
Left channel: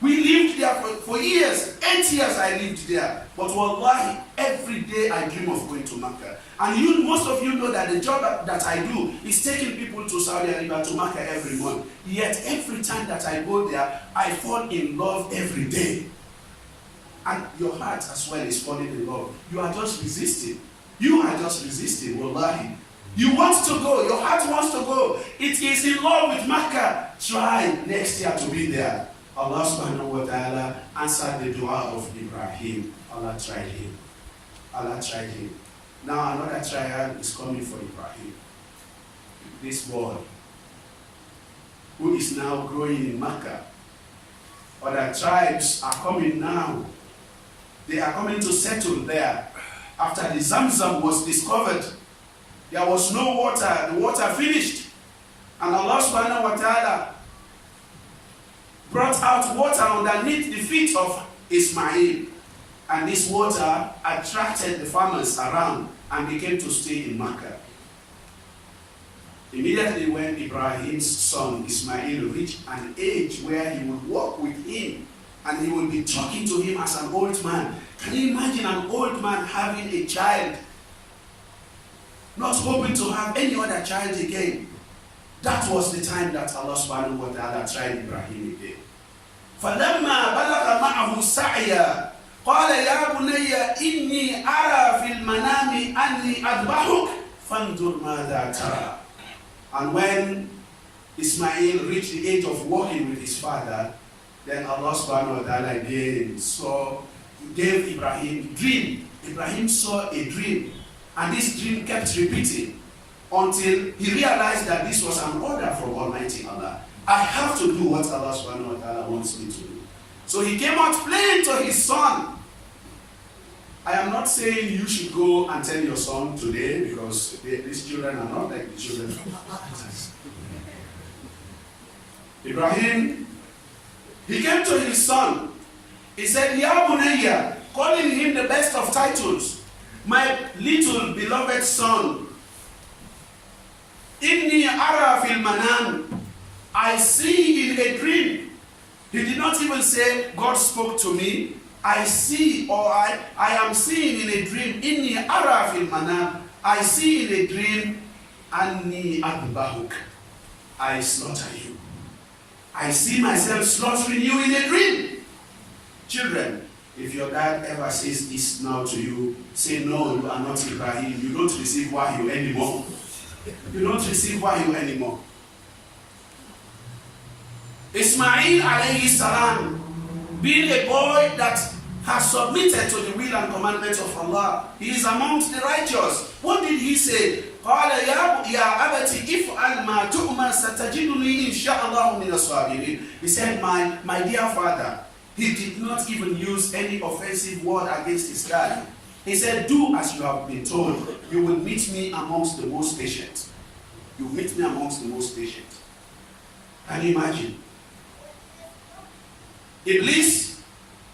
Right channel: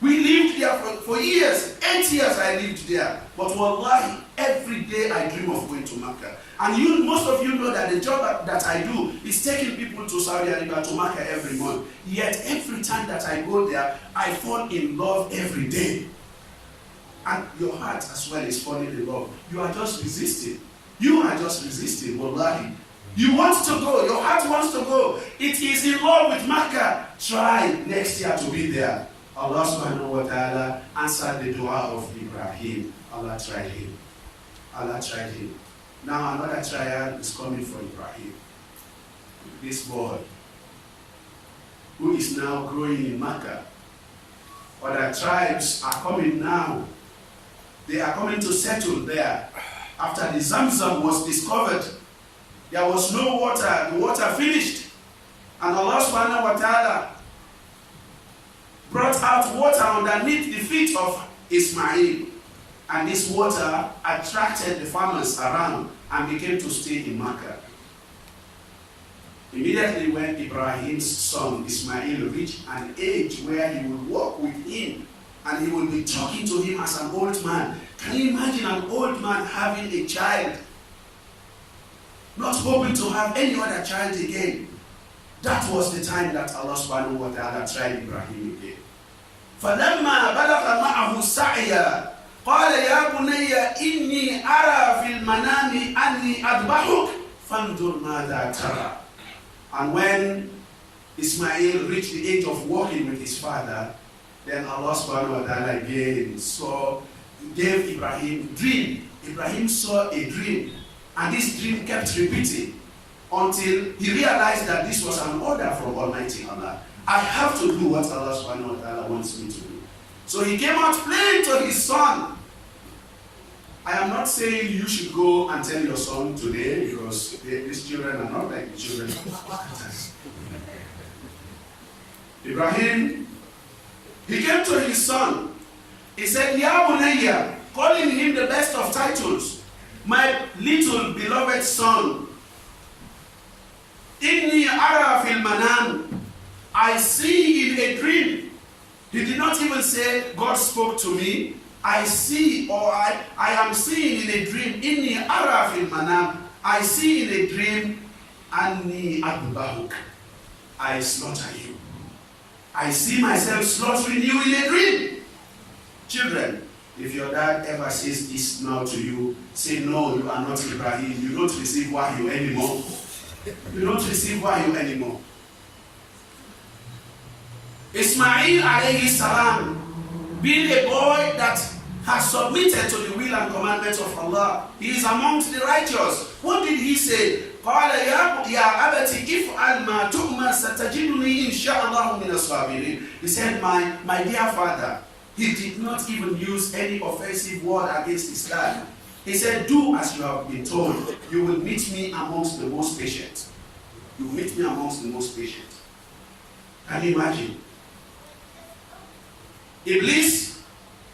We lived there for years. 8 years I lived there. But wallahi, every day I dream of going to Makkah. And most of you know that the job that I do is taking people to Saudi Arabia, to Makkah every month. Yet every time that I go there, I fall in love every day. And your heart as well is falling in love. You are just resisting. Wallahi. You want to go. Your heart wants to go. It is in love with Makkah. Try next year to be there. Allah subhanahu wa ta'ala answered the dua of Ibrahim. Allah tried him. Now another trial is coming for Ibrahim. This boy, who is now growing in Makkah. Other tribes are coming now. They are coming to settle there. After the Zamzam was discovered, there was no water. The water finished. And Allah subhanahu wa ta'ala brought out water underneath the feet of Ismail. And this water attracted the farmers around and became to stay in Makkah. Immediately when Ibrahim's son Ismail reached an age where he would walk with him and he would be talking to him as an old man. Can you imagine an old man having a child, not hoping to have any other child again? That was the time that Allah subhanahu wa ta'ala tried Ibrahim again. فَلَمَّا بَلَغَ مَعَهُ السَّعْيَ قَالَ يَا بُنَيَّ إِنِّي أَرَى فِي الْمَنَامِ أَنِّي أَذْبَحُكَ فَانْظُرْ مَاذَا تَرَى. And when Ismail reached the age of walking with his father, then Allah subhanahu wa ta'ala again gave Ibrahim a dream. Ibrahim saw a dream, and this dream kept repeating until he realized that this was an order from Almighty Allah. I have to do what Allah subhanahu wa ta'ala wants me to do. So he came out playing to his son. I am not saying you should go and tell your son today, because these children are not like the children of others. Ibrahim, he came to his son. He said, Ya Bunayya, calling him the best of titles. My little beloved son. Inni ara fil manam. I see in a dream. He did not even say, God spoke to me. I see, or I am seeing in a dream. Inni ara fil manam. I see in a dream. Anni adbahuk. I slaughter you. I see myself slaughtering you in a dream. Children, if your dad ever says this now to you, say, no, you are not Ibrahim. You don't receive wahyu anymore. You don't receive wahyu anymore. Ismail alayhi salam, being a boy that has submitted to the will and commandments of Allah, he is amongst the righteous. What did he say? قال يا أبت افعل ما تؤمر ستجدني إن شاء الله من الصابرين. He said, my dear father, he did not even use any offensive word against his dad. He said, do as you have been told. You will meet me amongst the most patient. You will meet me amongst the most patient. Can you imagine? Iblis,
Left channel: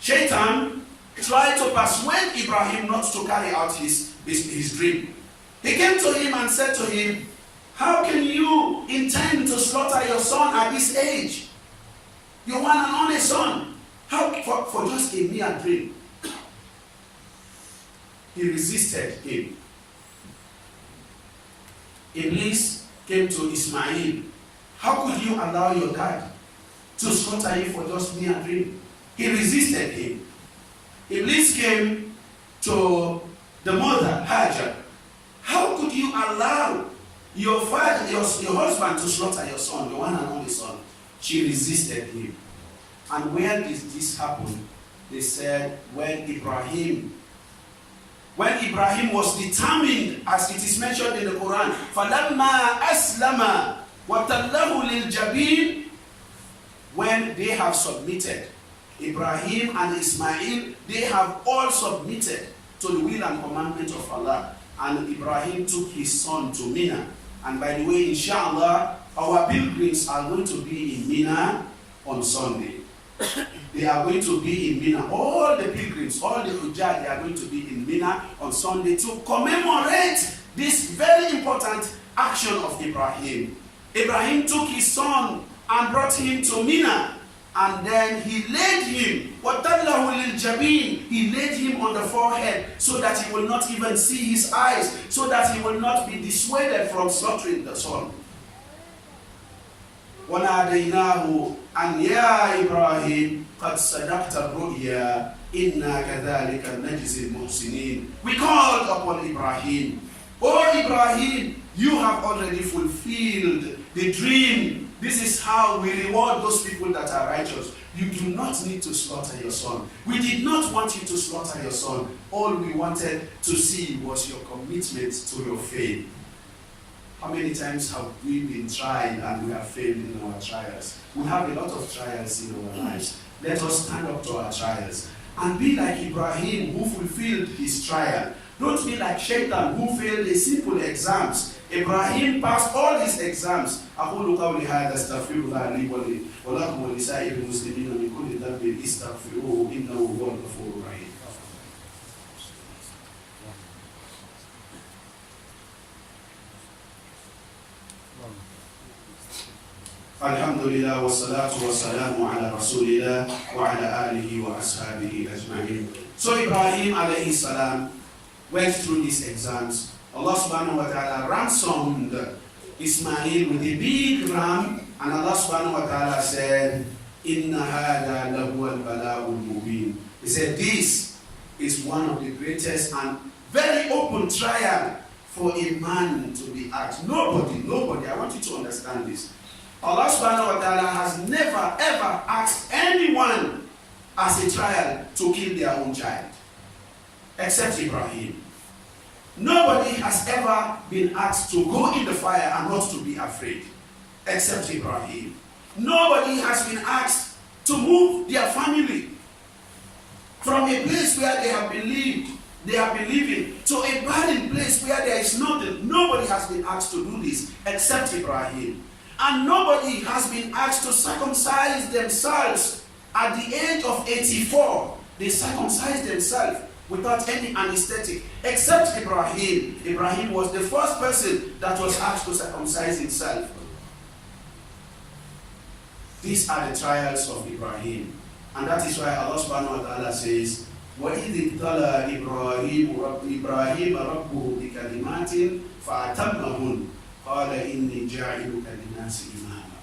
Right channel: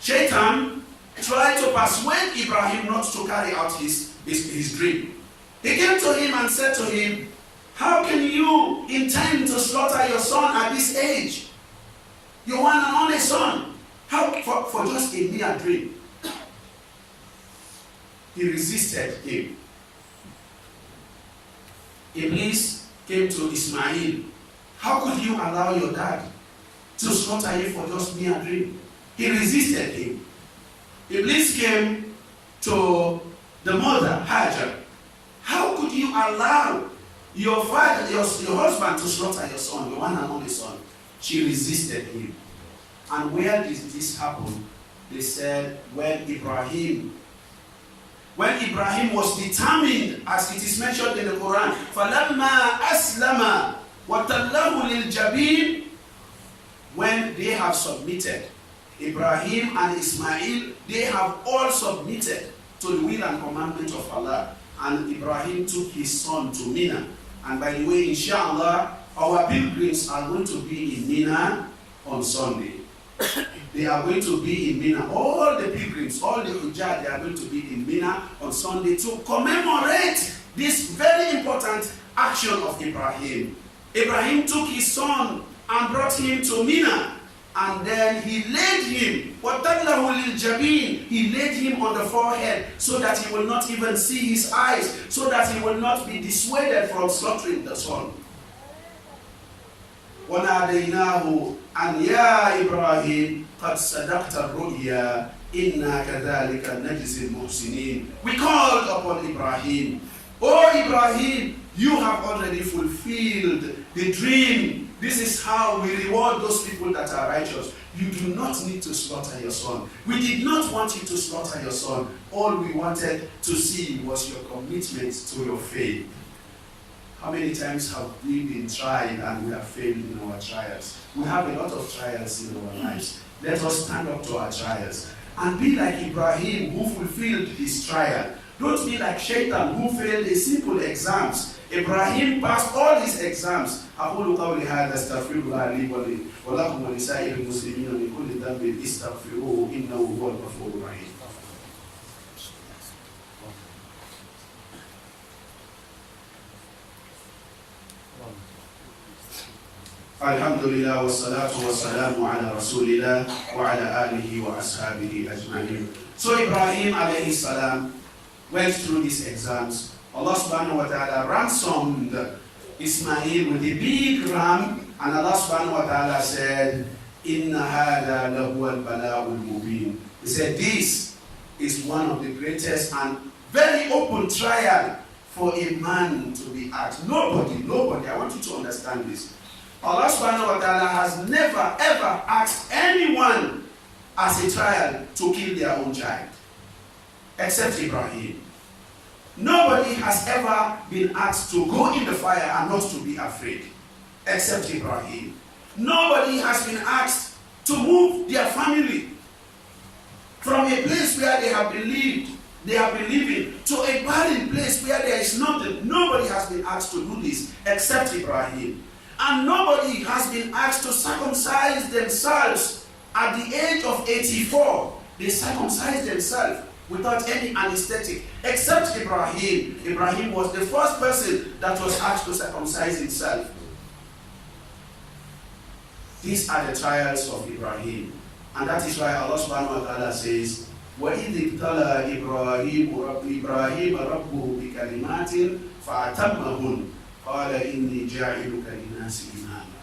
Shaitan, tried to persuade Ibrahim not to carry out his dream. He came to him and said to him, how can you intend to slaughter your son at this age? Your one and only son. How for just a mere dream? He resisted him. Iblis came to Ismail. How could you allow your dad to slaughter you for just mere dream? He resisted him. Iblis came to the mother, Hajar. How could you allow your father, your husband to slaughter your son, your one and only son? She resisted him. And where did this happen? They said when Ibrahim was determined, as it is mentioned in the Quran, فَلَمَّا أَسْلَمَ وَتَلَّهُ لِلْجَبِينِ, when they have submitted, Ibrahim and Ismail, they have all submitted to the will and commandment of Allah. And Ibrahim took his son to Mina. And by the way, inshallah, our pilgrims are going to be in Mina on Sunday. They are going to be in Mina. All the pilgrims, all the Hujjah, they are going to be in Mina on Sunday to commemorate this very important action of Ibrahim. Ibrahim took his son and brought him to Mina. And then he laid him, وَتَلَّهُ لِلْجَبِينِ, he laid him on the forehead so that he will not even see his eyes, so that he will not be dissuaded from slaughtering the son. وَنَادَيْنَاهُ أَنْ يَا إِبْرَاهِيمُ قَدْ صَدَقْتَ الرُّؤْيَا إِنَّا كَذَلِكَ نَجْزِي الْمُحْسِنِينَ. We called upon Ibrahim. Oh Ibrahim, you have already fulfilled the dream. This is how we reward those people that are righteous. You do not need to slaughter your son. We did not want you to slaughter your son. All we wanted to see was your commitment to your faith. How many times have we been tried and we have failed in our trials? We have a lot of trials in our lives. Let us stand up to our trials and be like Ibrahim, who fulfilled his trial. Don't be like Shaitan, who failed a simple exams. Ibrahim passed all his exams. أقول قولي هذا استغفر الله لي ولكم ولسائر المسلمين من كل ذنب استغفروه إنه هو الغفور الرحيم. الحمد لله والصلاة والسلام على رسول الله وعلى آله وأصحابه أجمعين. So Ibrahim alayhi salam went through these exams. Allah subhanahu wa ta'ala ransomed Ismail with a big ram, and Allah subhanahu wa ta'ala said, Inna hada lahu al-bala'ul mubin. He said, this is one of the greatest and very open trial for a man to be asked. Nobody, I want you to understand this. Allah subhanahu wa ta'ala has never ever asked anyone as a trial to kill their own child, except Ibrahim. Nobody has ever been asked to go in the fire and not to be afraid, except Ibrahim. Nobody has been asked to move their family from a place where they have been living, to a barren place where there is nothing. Nobody has been asked to do this except Ibrahim. And nobody has been asked to circumcise themselves at the age of 84. They circumcised themselves without any anesthetic, except Ibrahim. Ibrahim was the first person that was asked to circumcise himself. These are the trials of Ibrahim. And that is why Allah subhanahu wa ta'ala says, وَإِذِ ابْتَلَى إِبْرَاهِيمُ رَبُّهُ بِكَلِمَاتٍ فَأَتَمَّهُنَّ قَالَ إِنِّي جَاعِلُكَ لِلنَّاسِ إِمَامًا.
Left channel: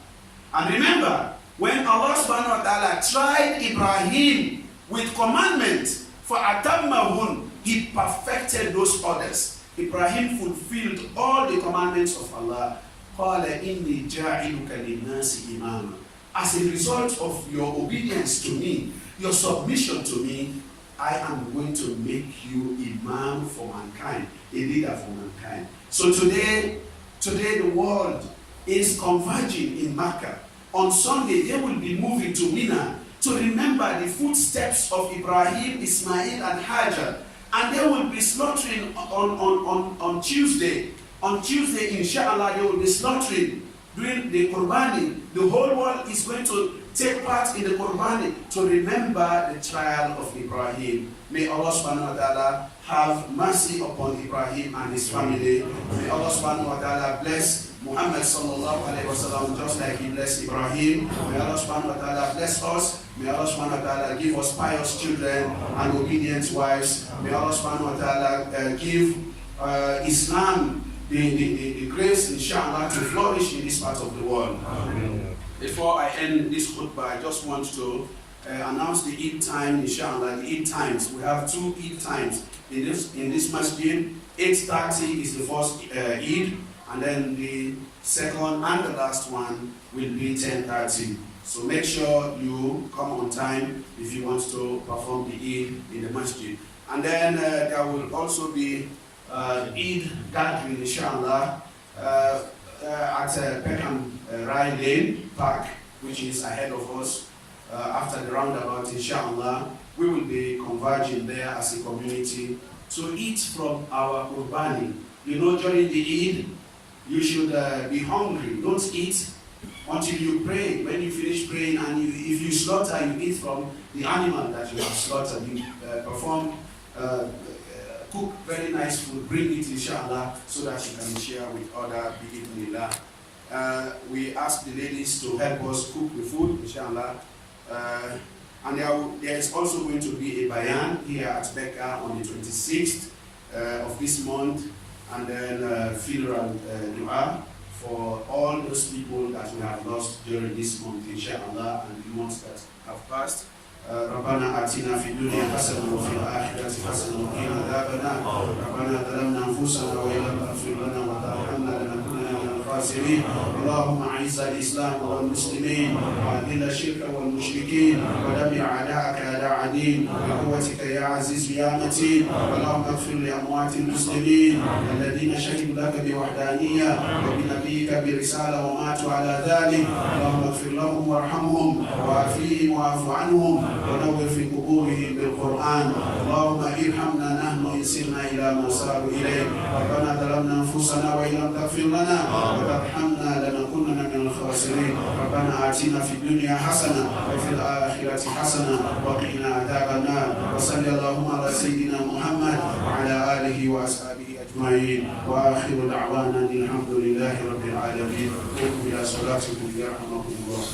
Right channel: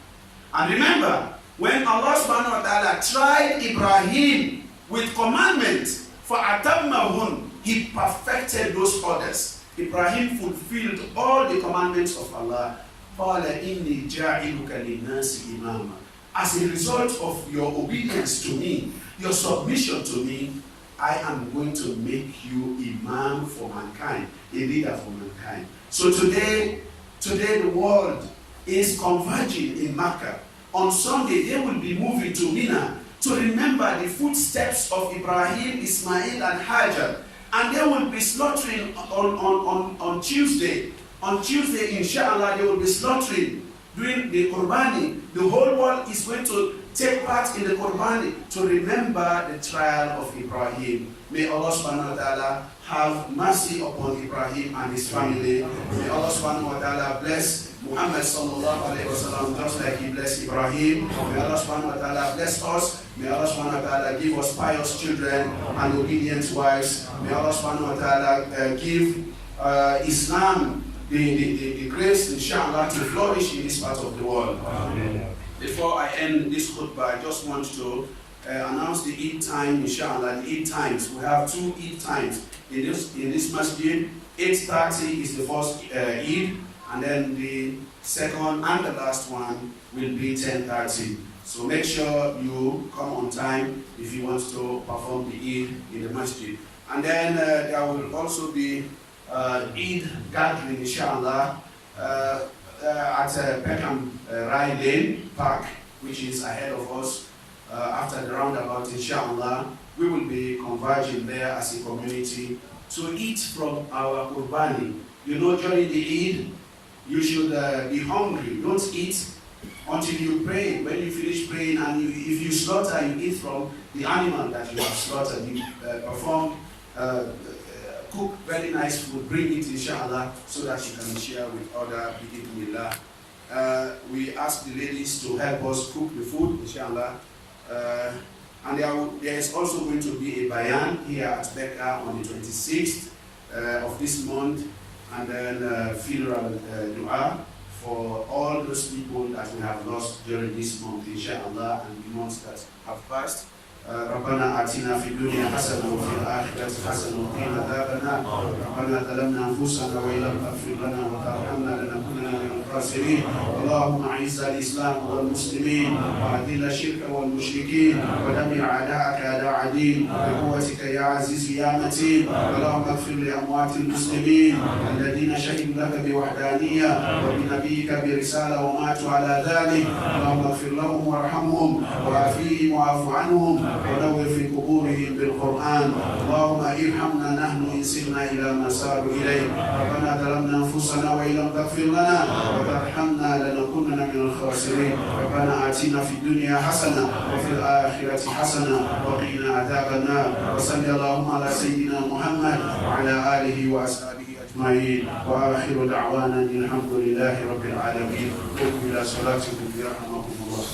And remember, when Allah subhanahu wa ta'ala tried Ibrahim with commandments, فَأَتَمَّهُنَّ, he perfected those orders. Ibrahim fulfilled all the commandments of Allah. قَالَ إِنِّي جَاعِلُكَ لِلنَّاسِ إِمَامًا. As a result of your obedience to me, your submission to me, I am going to make you imam for mankind, a leader for mankind. So today the world is converging in Mecca. On Sunday, they will be moving to Mina to remember the footsteps of Ibrahim, Ismail, and Hajar. And they will be slaughtering on Tuesday. On Tuesday, inshallah, they will be slaughtering, doing the Qurbani. The whole world is going to take part in the Qurbani to remember the trial of Ibrahim. May Allah subhanahu wa ta'ala have mercy upon Ibrahim and his family. May Allah subhanahu wa ta'ala bless Muhammad sallallahu alayhi wa sallam just like he blessed Ibrahim. May Allah subhanahu wa ta'ala bless us. May Allah subhanahu wa ta'ala give us pious children and obedient wives. May Allah subhanahu wa ta'ala give Islam the grace, inshallah, to flourish in this part of the world. Before I end this khutbah, I just want to announce the Eid time, inshallah, the Eid times. We have 2 Eid times in this masjid. 8:30 is the first Eid, and then the second and the last one will be 10:30. So make sure you come on time if you want to perform the Eid in the masjid. And then there will also be Eid gathering, inshallah, at PECKHAM Rye Lane Park, which is ahead of us. After the roundabout, inshallah, we will be converging there as a community to eat from our Qurbani. You know, during the Eid, you should be hungry. Don't eat until you pray. When you finish praying, and if you slaughter, you eat from the animal that you have slaughtered. You cook very nice food, bring it, inshallah, so that you can share with other bi'idhnillah. We ask the ladies to help us cook the food, inshallah. And there is also going to be a bayan here at Beca on the 26th of this month, and then funeral dua for all those people that we have lost during this month, inshallah, and the months that have passed. ربنا آتنا في الدنيا حسنة وفي الآخرة حسنة وقنا عذاب النار ربنا ظلمنا أنفسنا وإن لم تغفر لنا وترحمنا لنكونن من الخاسرين اللهم أعز الإسلام والمسلمين وأذل الشرك والمشركين ودمر أعداءك أعداء دين بقوتك يا عزيز يا متين اللهم اغفر لأموات المسلمين الذين شهدوا لك بوحدانية وبنبيك برسالة وماتوا على ذلك اللهم اغفر لهم وارحمهم وعافيهم واعف عنهم ونور في قبورهم بالقرآن اللهم ارحمنا نحن إن سرنا إلى ما ساروا إليه ربنا ظلمنا أنفسنا وإن لم تغفر لنا وترحمنا لنكونن من الخاسرين ربنا آتنا في الدنيا حسنة وفي الآخرة حسنة وقنا عذاب النار وصلى اللهم على سيدنا محمد وعلى آله وأصحابه أجمعين وآخر دعوانا الحمد لله رب العالمين قوموا إلى صلاتكم يرحمكم الله.